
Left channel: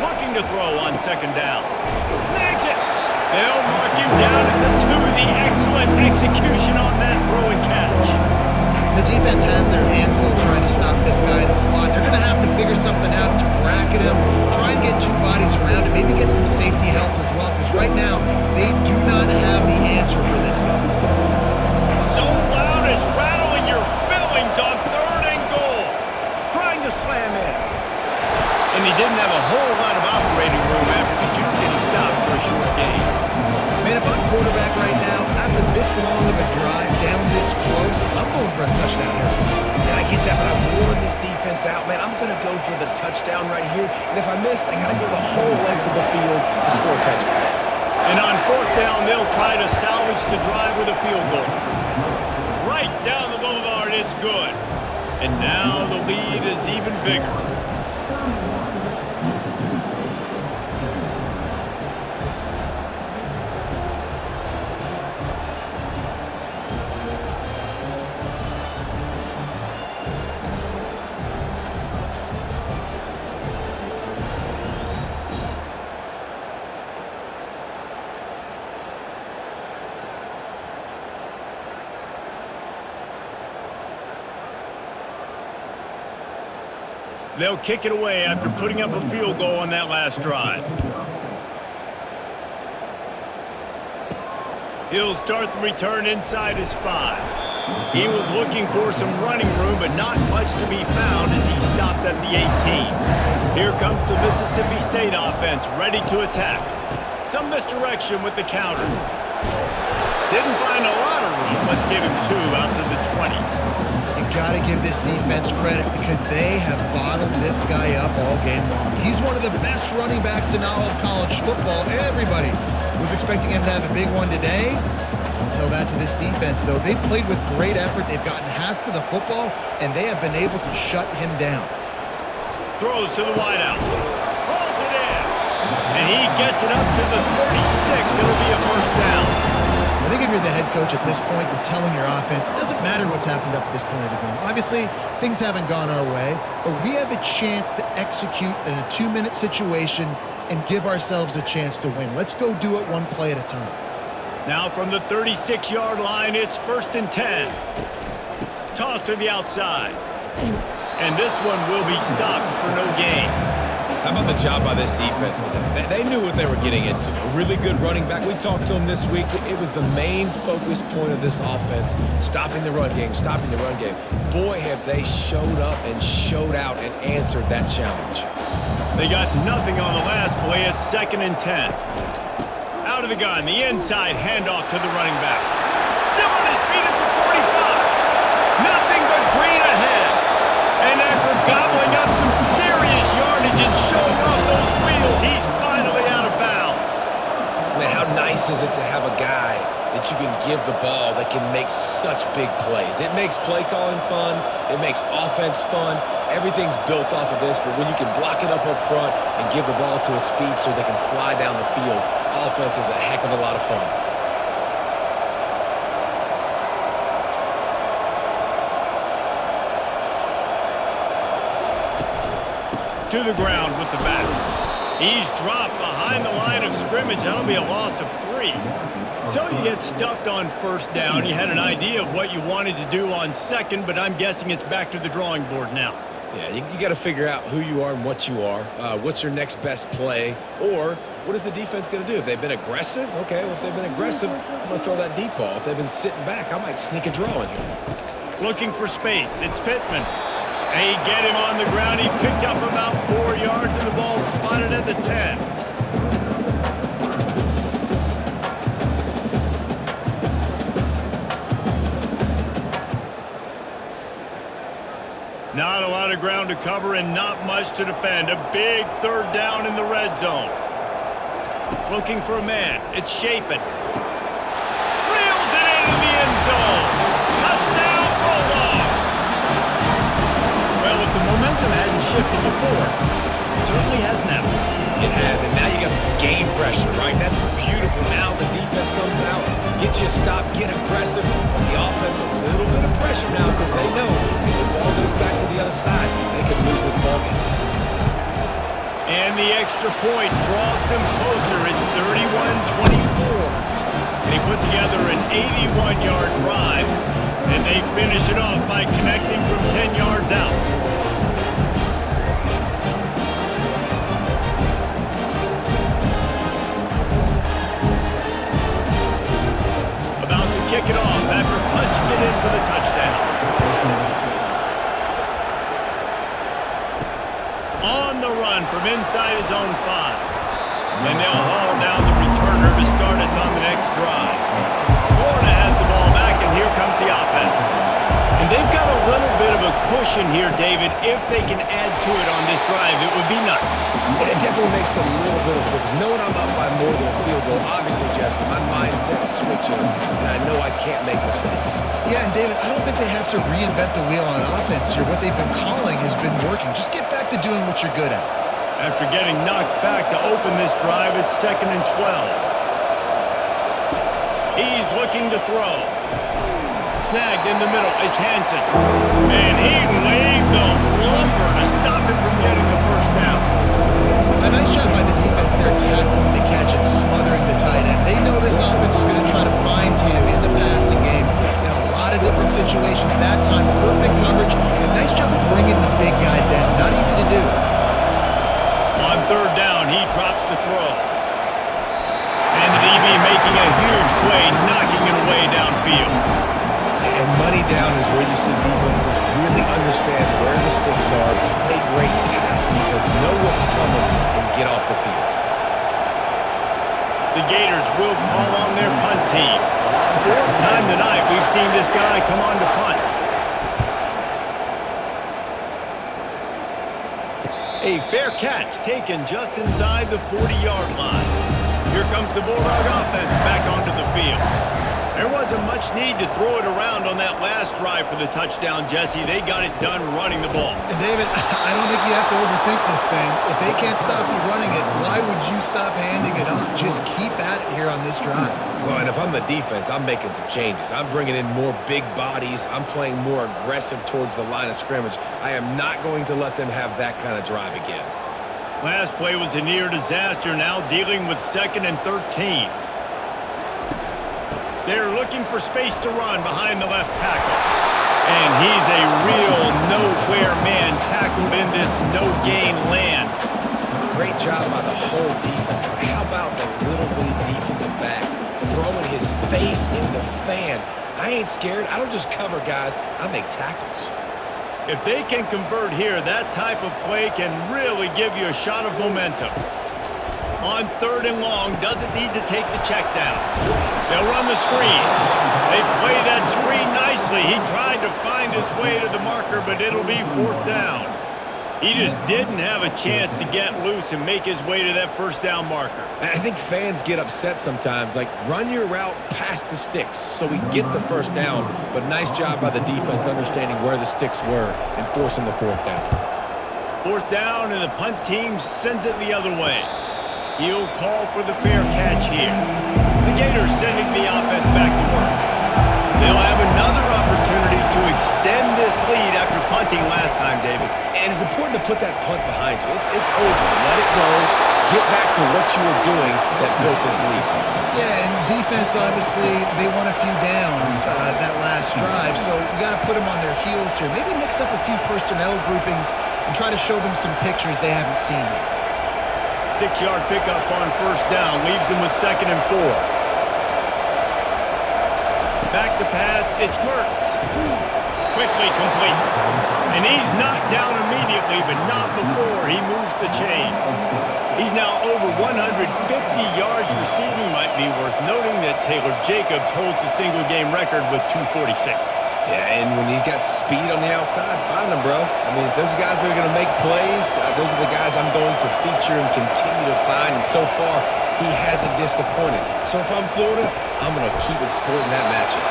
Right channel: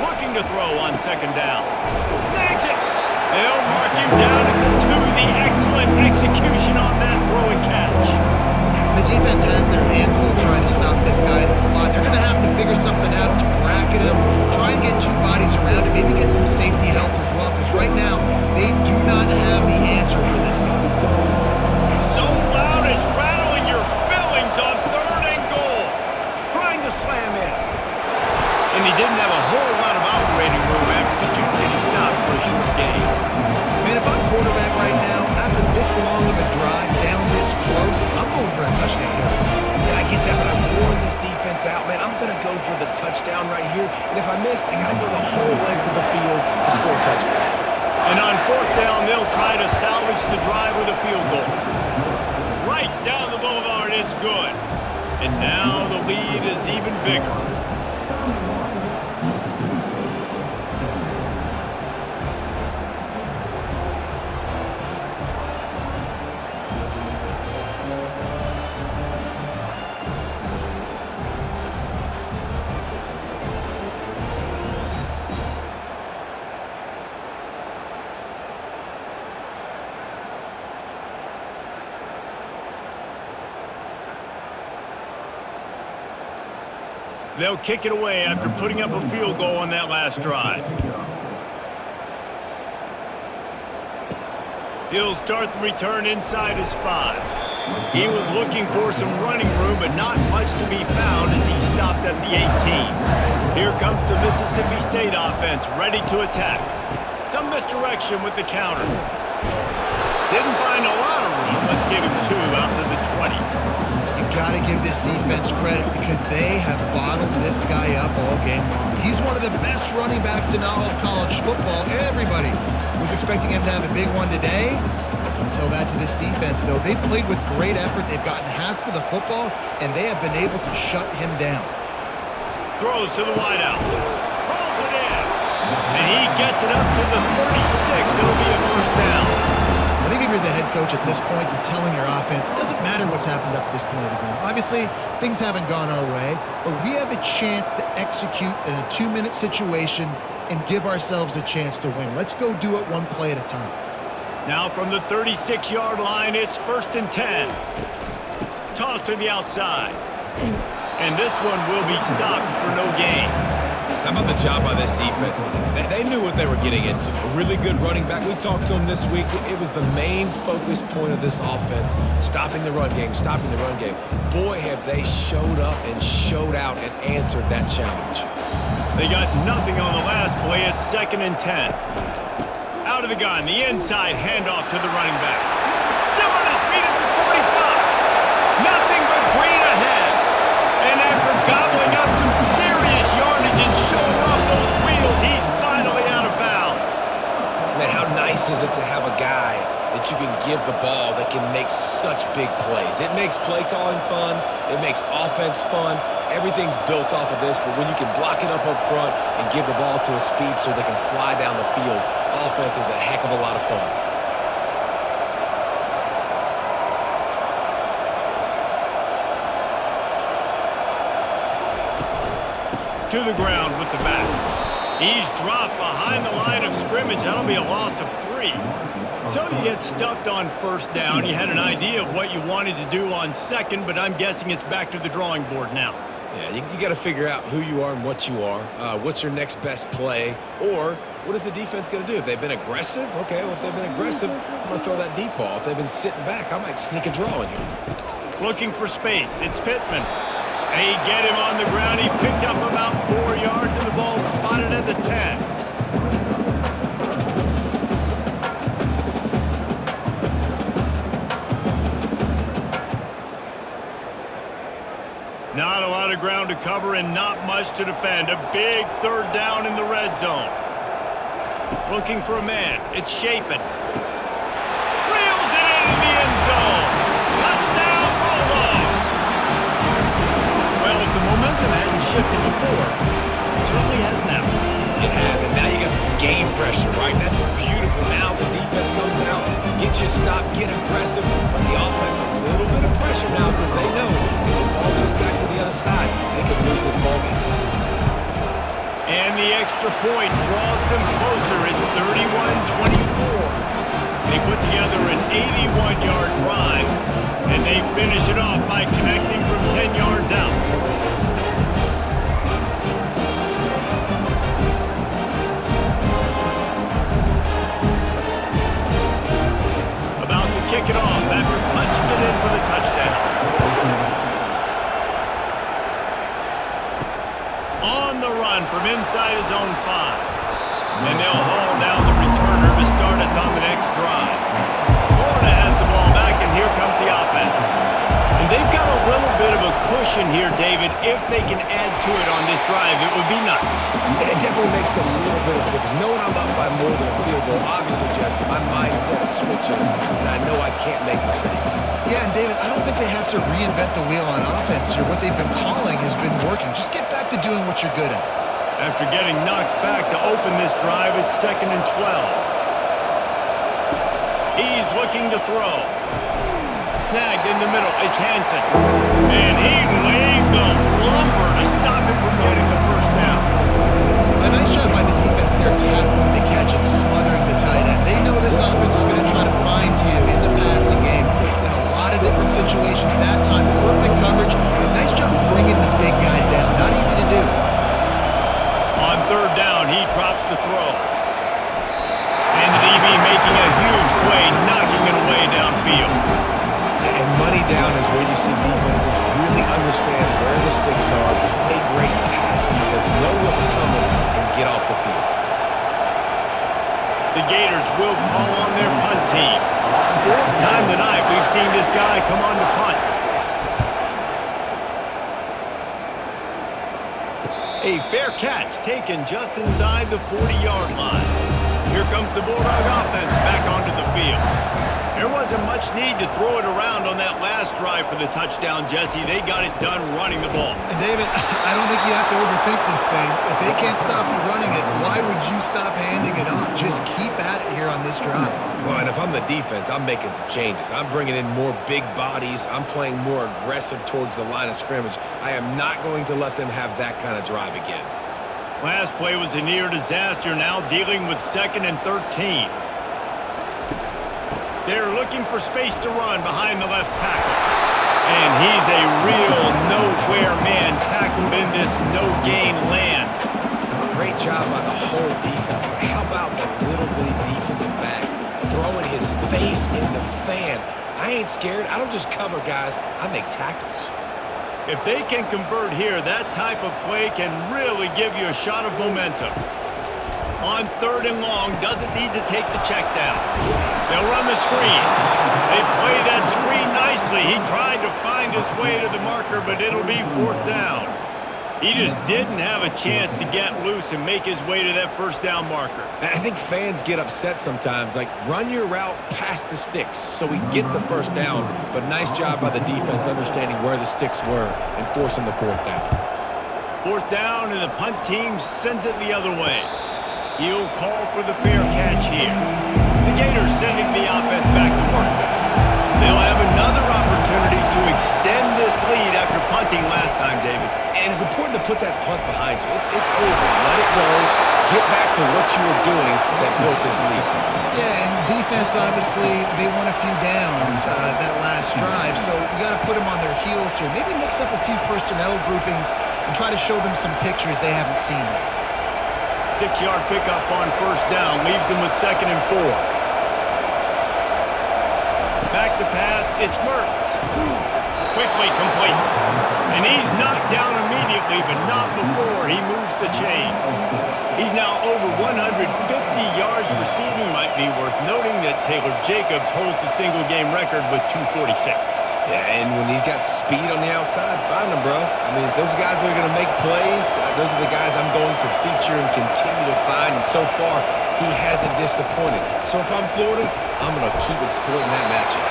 Looking to throw on second down. Snags it. They'll mark him down at the 2. The excellent execution on that throw and catch. The defense has their hands full trying to stop this guy in the slot. They're going to have to figure something out to bracket him, try and get 2 bodies around him, maybe get some safety help as well, because right now they do not have the answer for this guy. So loud it's rattling your fillings on 3rd and goal. Trying to slam in. And he didn't have a whole lot of operating room after the juke, and he stopped for a short gain. Man, if I'm quarterback right now, after this long of a drive down this close, I'm going for a touchdown here. And I get that, but I've worn this defense out, man. I'm going to go for the touchdown right here. And if I miss, they got to go the whole length of the field to score a touchdown. And on 4th down, they'll try to salvage the drive with a field goal. Right down the boulevard, it's good. And now the lead is even bigger. They'll kick it away after putting up a field goal on that last drive. He'll start the return inside his 5. He was looking for some running room, but not much to be found as he stopped at the 18. Here comes the Mississippi State offense, ready to attack. Some misdirection with the counter. Didn't find a lot of room. Let's give him 2 out to the 20. You got to give this defense credit because they have bottled this guy up all game long. He's one of the best running backs in all of college football. Everybody was expecting him to have a big one today. Don't tell that to this defense, though. They played with great effort. They've gotten hats to the football, and they have been able to shut him down. Throws to the wideout. Hauls it in. And he gets it up to the 36. It'll be a first down. I think if you're the head coach at this point, you're telling your offense, it doesn't matter what's happened up to this point of the game. Obviously, things haven't gone our way, but we have a chance to execute in a 2-minute situation and give ourselves a chance to win. Let's go do it one play at a time. Now from the 36-yard line, it's 1st and 10. Toss to the outside. And this one will be stopped for no gain. How about the job by this defense today? They knew what they were getting into. A really good running back. We talked to him this week. It was the main focus point of this offense, stopping the run game, stopping the run game. Boy, have they showed up and showed out and answered that challenge. They got nothing on the last play. It's 2nd and 10. Out of the gun, the inside handoff to the running back. Still on his feet at the 45. Nothing but green ahead. And after gobbling up some serious yardage and showing off those wheels, he's finally out of bounds. Man, how nice is it to have a guy that you can give the ball that can make such big plays? It makes play calling fun. It makes offense fun. Everything's built off of this, but when you can block it up front and give the ball to a speedster that can fly down the field, offense is a heck of a lot of fun. To the ground with the back. He's dropped behind the line of scrimmage. That'll be a loss of 3. So you get stuffed on 1st down. You had an idea of what you wanted to do on 2nd, but I'm guessing it's back to the drawing board now. Yeah, you got to figure out who you are and what you are. What's your next best play? Or what is the defense going to do? If they've been aggressive, okay, well, if they've been aggressive, I'm going to throw that deep ball. If they've been sitting back, I might sneak a draw in here. Looking for space. It's Pittman. They get him on the ground. He picked up about 4 yards, and the ball spotted at the 10. Not a lot of ground to cover and not much to defend. A big 3rd down in the red zone. Looking for a man. It's Shapen. Reels it in the end zone. Touchdown, Bulldogs. Well, if the momentum hadn't shifted before, it certainly has now. It has, and now you got some game pressure, right? That's beautiful. Now the defense comes out, get you a stop, get aggressive, but the offense a little bit of pressure now because they know if the ball goes back to the other side, they could lose this ball game. And the extra point draws them closer. It's 31-24. They put together an 81-yard drive, and they finish it off by connecting from 10 yards out. About to kick it off after punching it in for the touchdown. On the run from inside his own 5. And they'll haul down the returner to start us on the next drive. Florida has the ball back, and here comes the offense. And they've got a little bit of a cushion here, David. If they can add to it on this drive, it would be nice. And it definitely makes a little bit of a difference. Knowing I'm up by more than a field goal, obviously, Jesse, my mindset switches, and I know I can't make mistakes. Yeah, and David, I don't think they have to reinvent the wheel on offense here. What they've been calling has been working. Just get back to doing what you're good at. After getting knocked back to open this drive, it's 2nd and 12. He's looking to throw. Snagged in the middle, it's Hansen. And he laid the lumber to stop him from getting the first down. A nice job by the defense there tackling the catch and smothering the tight end. They know this offense is going to try to find him in the passing game in a lot of different situations. That time, perfect coverage, and nice job bringing the big guy down. Not easy to do. On 3rd down, he drops to throw. And the DB making a huge play, knocking it away downfield. And money down is where you see defenses really understand where the sticks are, play great pass defense, know what's coming, and get off the field. The Gators will call on their punt team. 4th time tonight we've seen this guy come on to punt. A fair catch taken just inside the 40-yard line. Here comes the Bulldog offense back onto the field. There wasn't much need to throw it around on that last drive for the touchdown, Jesse. They got it done running the ball. And David, I don't think you have to overthink this thing. If they can't stop you running it, why would you stop handing it off? Just keep at it here on this drive. Well, and if I'm the defense, I'm making some changes. I'm bringing in more big bodies. I'm playing more aggressive towards the line of scrimmage. I am not going to let them have that kind of drive again. Last play was a near disaster, now dealing with 2nd and 13. They're looking for space to run behind the left tackle. And he's a real nowhere man tackled in this no-gain land. Great job by the whole defense, but how about the little bitty defensive back throwing his face in the fan? I ain't scared. I don't just cover guys. I make tackles. If they can convert here, that type of play can really give you a shot of momentum. On 3rd and long, doesn't need to take the check down. They'll run the screen. They play that screen nicely. He tried to find his way to the marker, but it'll be 4th down. He just didn't have a chance to get loose and make his way to that 1st down marker. I think fans get upset sometimes, like run your route past the sticks so we get the 1st down, but nice job by the defense understanding where the sticks were and forcing the 4th down. 4th down, and the punt team sends it the other way. He'll call for the fair catch here. The Gators sending the offense back to work. They'll have another opportunity to extend this lead after punting last time, David. And it's important to put that punt behind you. It's over. Let it go. Get back to what you were doing that built this lead. Yeah, and defense, obviously, they won a few downs that last drive, so you got to put them on their heels here. Maybe mix up a few personnel groupings and try to show them some pictures they haven't seen yet. 6-yard pickup on 1st down leaves them with 2nd and 4. Back to pass, it's Mertz. Quickly complete. And he's knocked down immediately, but not before he moves the chains. He's now over 150 yards receiving. Might be worth noting that Taylor Jacobs holds the single-game record with 246. Yeah, and when you got speed on the outside, find them, bro. I mean, those guys that are going to make plays, those are the guys I'm going to feature and continue to find. And so far, he hasn't disappointed. So if I'm Florida, I'm going to keep exploiting that matchup.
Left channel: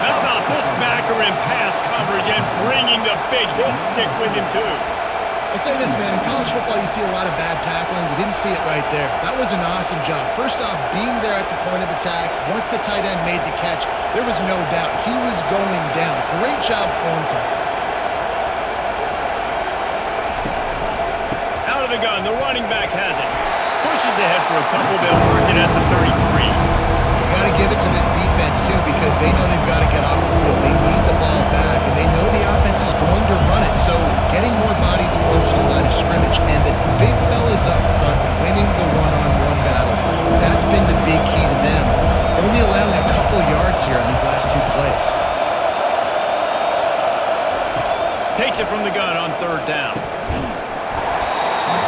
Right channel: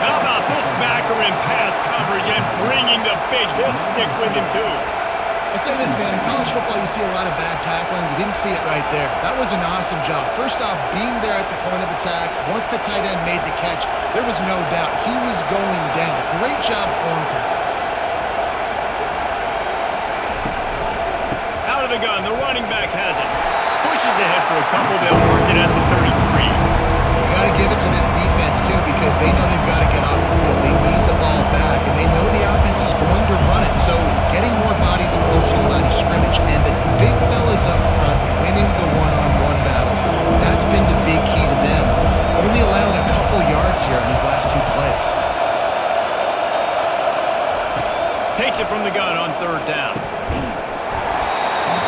How about this backer in pass coverage and bringing the big hit stick with him, too? I'll say this, man. In college football, you see a lot of bad tackling. You didn't see it right there. That was an awesome job. First off, being there at the point of attack. Once the tight end made the catch, there was no doubt he was going down. Great job form tackle. Out of the gun, the running back has it. Pushes ahead for a couple. They'll mark it at the 33. You got to give it to this defense, too, because they know they've got to get off the field. They need the ball back, and they know the offense is going to run it. So getting more bodies close to the line of scrimmage and the big fellas up front winning the one-on-one battles, that's been the big key to them. Only allowing a couple yards here on these last two plays. Takes it from the gun on third down.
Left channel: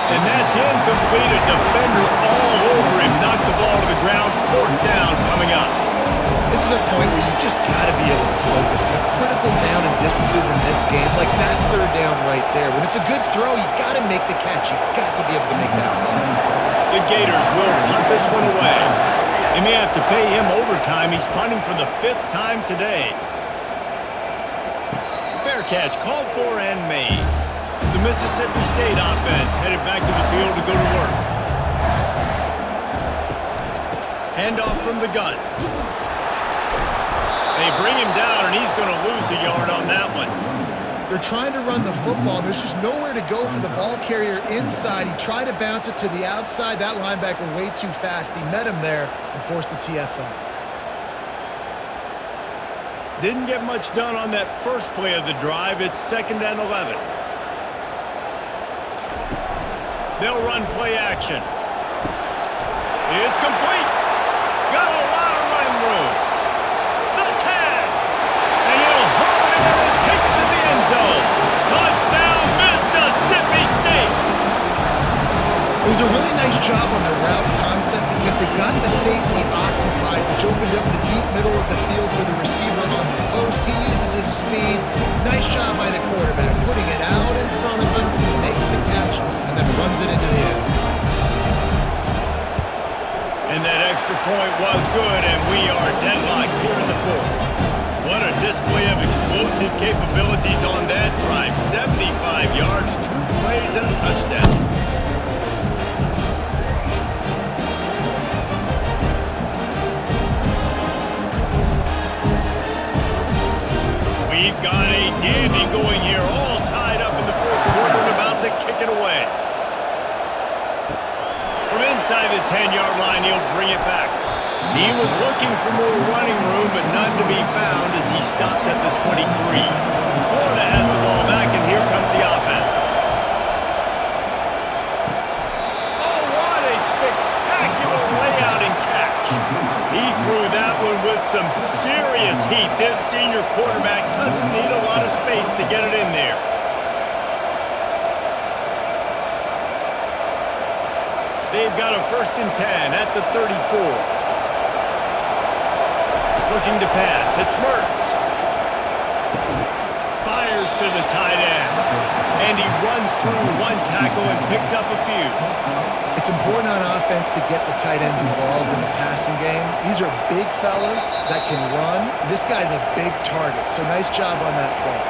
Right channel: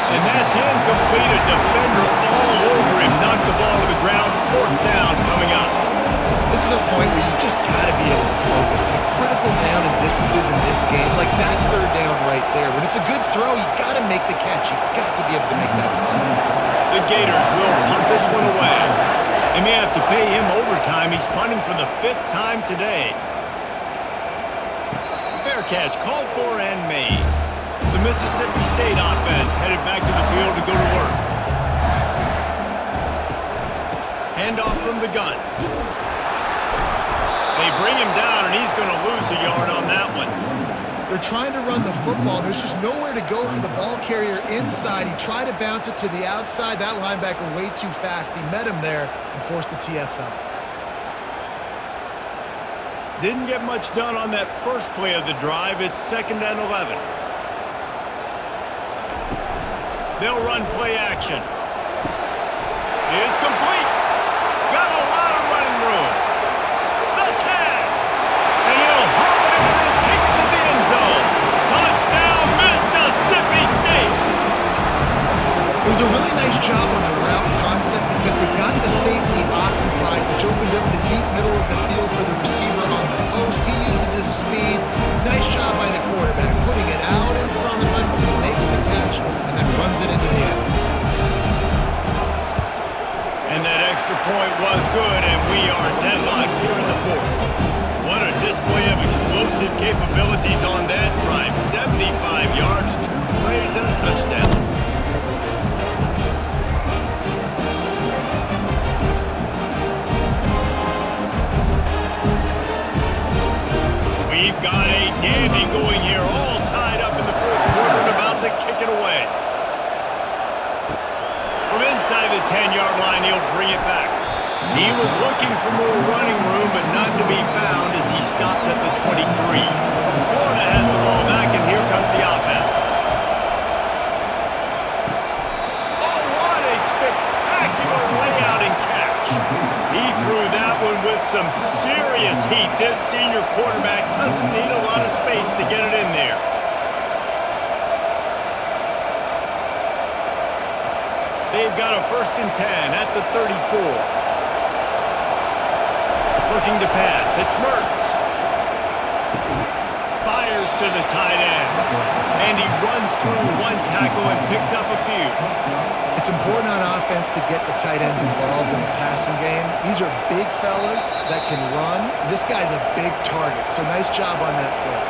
And that's incomplete. A defender all over him. Knocked the ball to the ground. Fourth down coming up. This is a point where you just got to be able to focus. The critical down and distances in this game, like that third down right there. When it's a good throw, you got to make the catch. You got to be able to make that play. The Gators will punt this one away. They may have to pay him overtime. He's punting for the 5th time today. Fair catch called for and made. The Mississippi State offense headed back to the field to go to work. Handoff from the gun. They bring him down, and he's going to lose a yard on that one. They're trying to run the football. There's just nowhere to go for the ball carrier inside. He tried to bounce it to the outside. That linebacker way too fast. He met him there and forced the TFL. Didn't get much done on that first play of the drive. It's 2nd and 11. They'll run play action. It's complete. Got a lot of running room. The 10. And he'll haul it in and take it to the end zone. Touchdown, Mississippi State. It was a really nice job on the route concept because they got the safety occupied, which opened up the deep middle of the field for the receiver on the post. He uses his speed. Nice job by the quarterback, putting it out in front of him. He makes the catch and then runs it into the end zone. And that extra point was good, and we are deadlocked here in the 4th. What a display of explosive capabilities on that drive. 75 yards, 2 plays, and a touchdown. We've got a dandy going here, all tied up in the 4th quarter and about to kick it away. From inside the 10-yard line, he'll bring it back. He was looking for more running room, but none to be found as he stopped at the 23. Florida has the ball back, and here comes the offense. Oh, what a spectacular layout and catch. He threw that one with some serious heat. This senior quarterback doesn't need a lot of space to get it in there. They've got a 1st and 10 at the 34. Looking to pass. It's Mertz. Fires to the tight end. And he runs through one tackle and picks up a few. It's important on offense to get the tight ends involved in the passing game. These are big fellas that can run. This guy's a big target, so nice job on that play.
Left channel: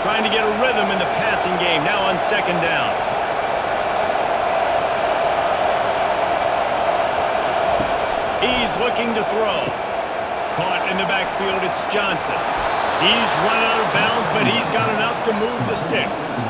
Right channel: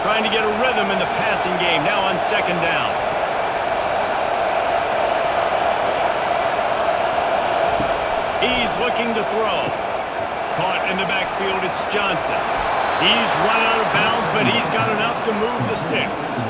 Trying to get a rhythm in the passing game, now on 2nd down. He's looking to throw. Caught in the backfield, it's Johnson. He's run out of bounds, but he's got enough to move the sticks.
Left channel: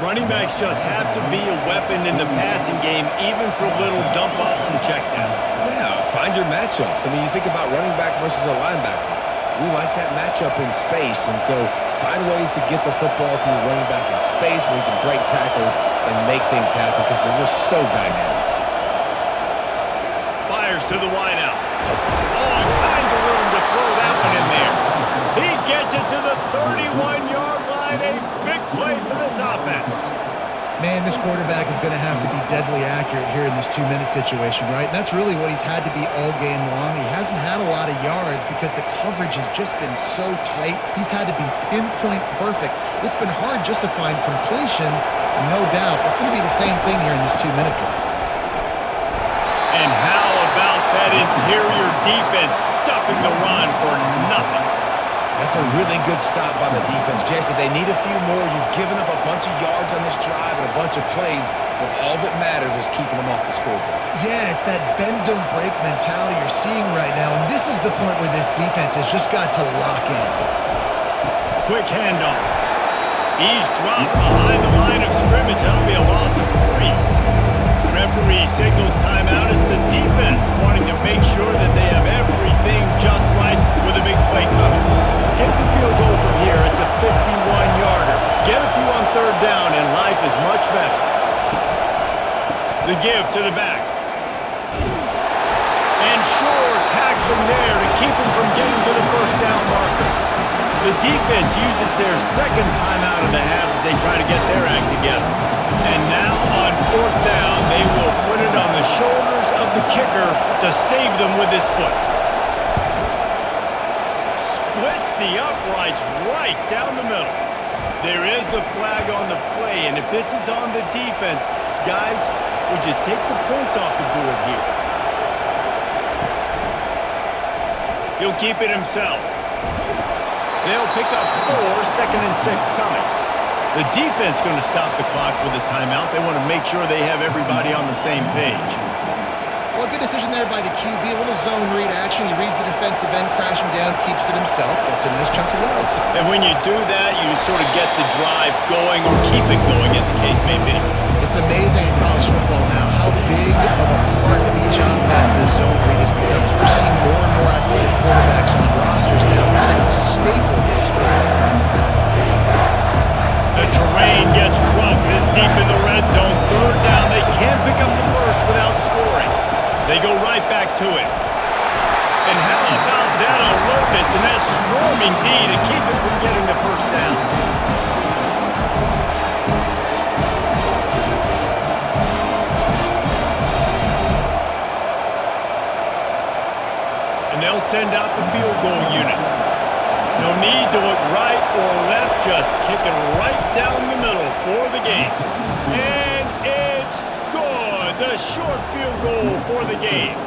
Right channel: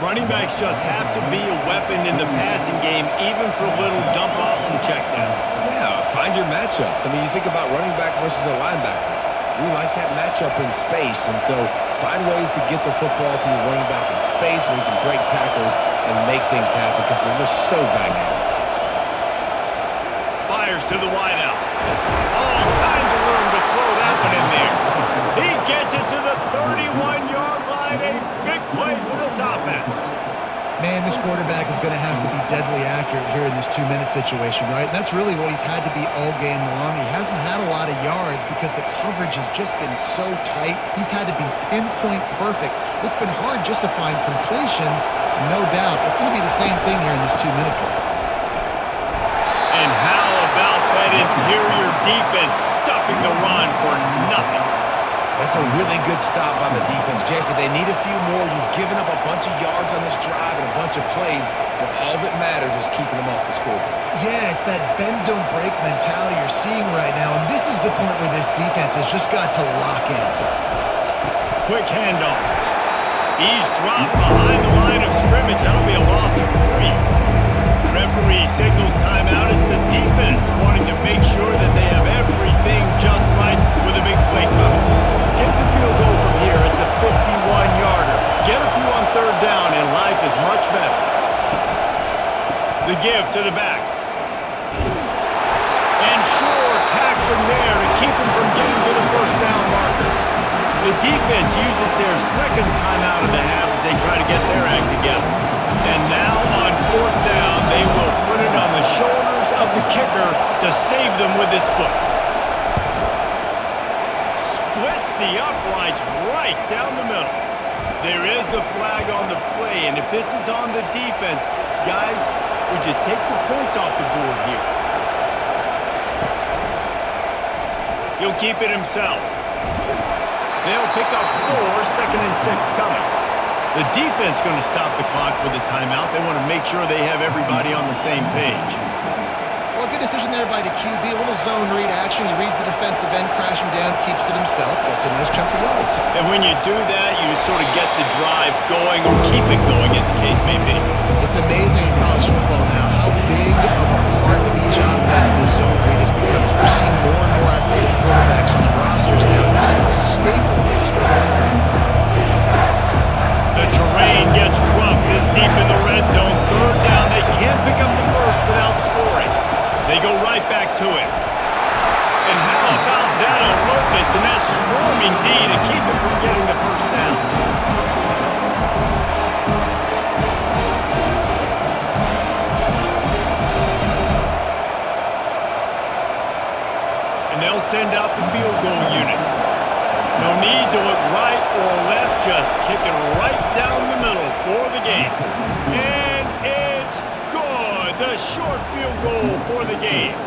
Running backs just have to be a weapon in the passing game, even for little dump-offs and checkdowns. Yeah, find your matchups. I mean, you think about running back versus a linebacker. We like that matchup in space, and so find ways to get the football to your running back in space where you can break tackles and make things happen because they're just so dynamic. Fires to the wideout. All kinds of room to throw that one in there. He gets it to the 31-yard line. A big play for this offense. Man, this quarterback is going to have to be deadly accurate here in this 2-minute situation, right? And that's really what he's had to be all game long. He hasn't had a lot of yards because the coverage has just been so tight. He's had to be pinpoint perfect. It's been hard just to find completions, no doubt. It's going to be the same thing here in this 2-minute drive. And how about that interior defense stuffing the run for nothing? That's a really good stop by the defense. Jesse, they need a few more. You've given up a bunch of yards on this drive and a bunch of plays, but all that matters is keeping them off the scoreboard. Yeah, it's that bend, don't break mentality you're seeing right now, and this is the point where this defense has just got to lock in. Quick handoff. He's dropped behind the line of scrimmage. That'll be a loss of 3. Referee signals timeout. It's the defense wanting to make sure that they have everything just right with a big play coming. Get the field goal from here. It's a 51-yarder. Get a few on 3rd down, and life is much better. The give to the back. And sure, tackling there to keep him from getting to the 1st down marker. The defense uses their 2nd timeout of the half as they try to get their act together. And now on 4th down, they will put it on the shoulders of the kicker to save them with his foot. Splits the uprights right down the middle. There is a flag on the play, and if this is on the defense, guys, would you take the points off the board here? He'll keep it himself. They'll pick up 4, 2nd and 6 coming. The defense going to stop the clock with a timeout. They want to make sure they have everybody on the same page. Well, good decision there by the QB. A little zone read action. He reads the defensive end crashing down, keeps it himself, gets a nice chunk of yards. And when you do that, you sort of get the drive going or keep it going, as the case may be. It's amazing in college football now how big of a part of each offense the zone read has become. We're seeing more and more athletic quarterbacks on rosters now. That is a staple of this sport. The terrain gets rough this deep in the red zone. 3rd down, they can't pick up the 1st without scoring. They go right back to it. And how about that alertness and that swarming D to keep him from getting the 1st down? And they'll send out the field goal unit. No need to look right or left, just kick it right down the middle for the game. And it's good. The short field goal for the game.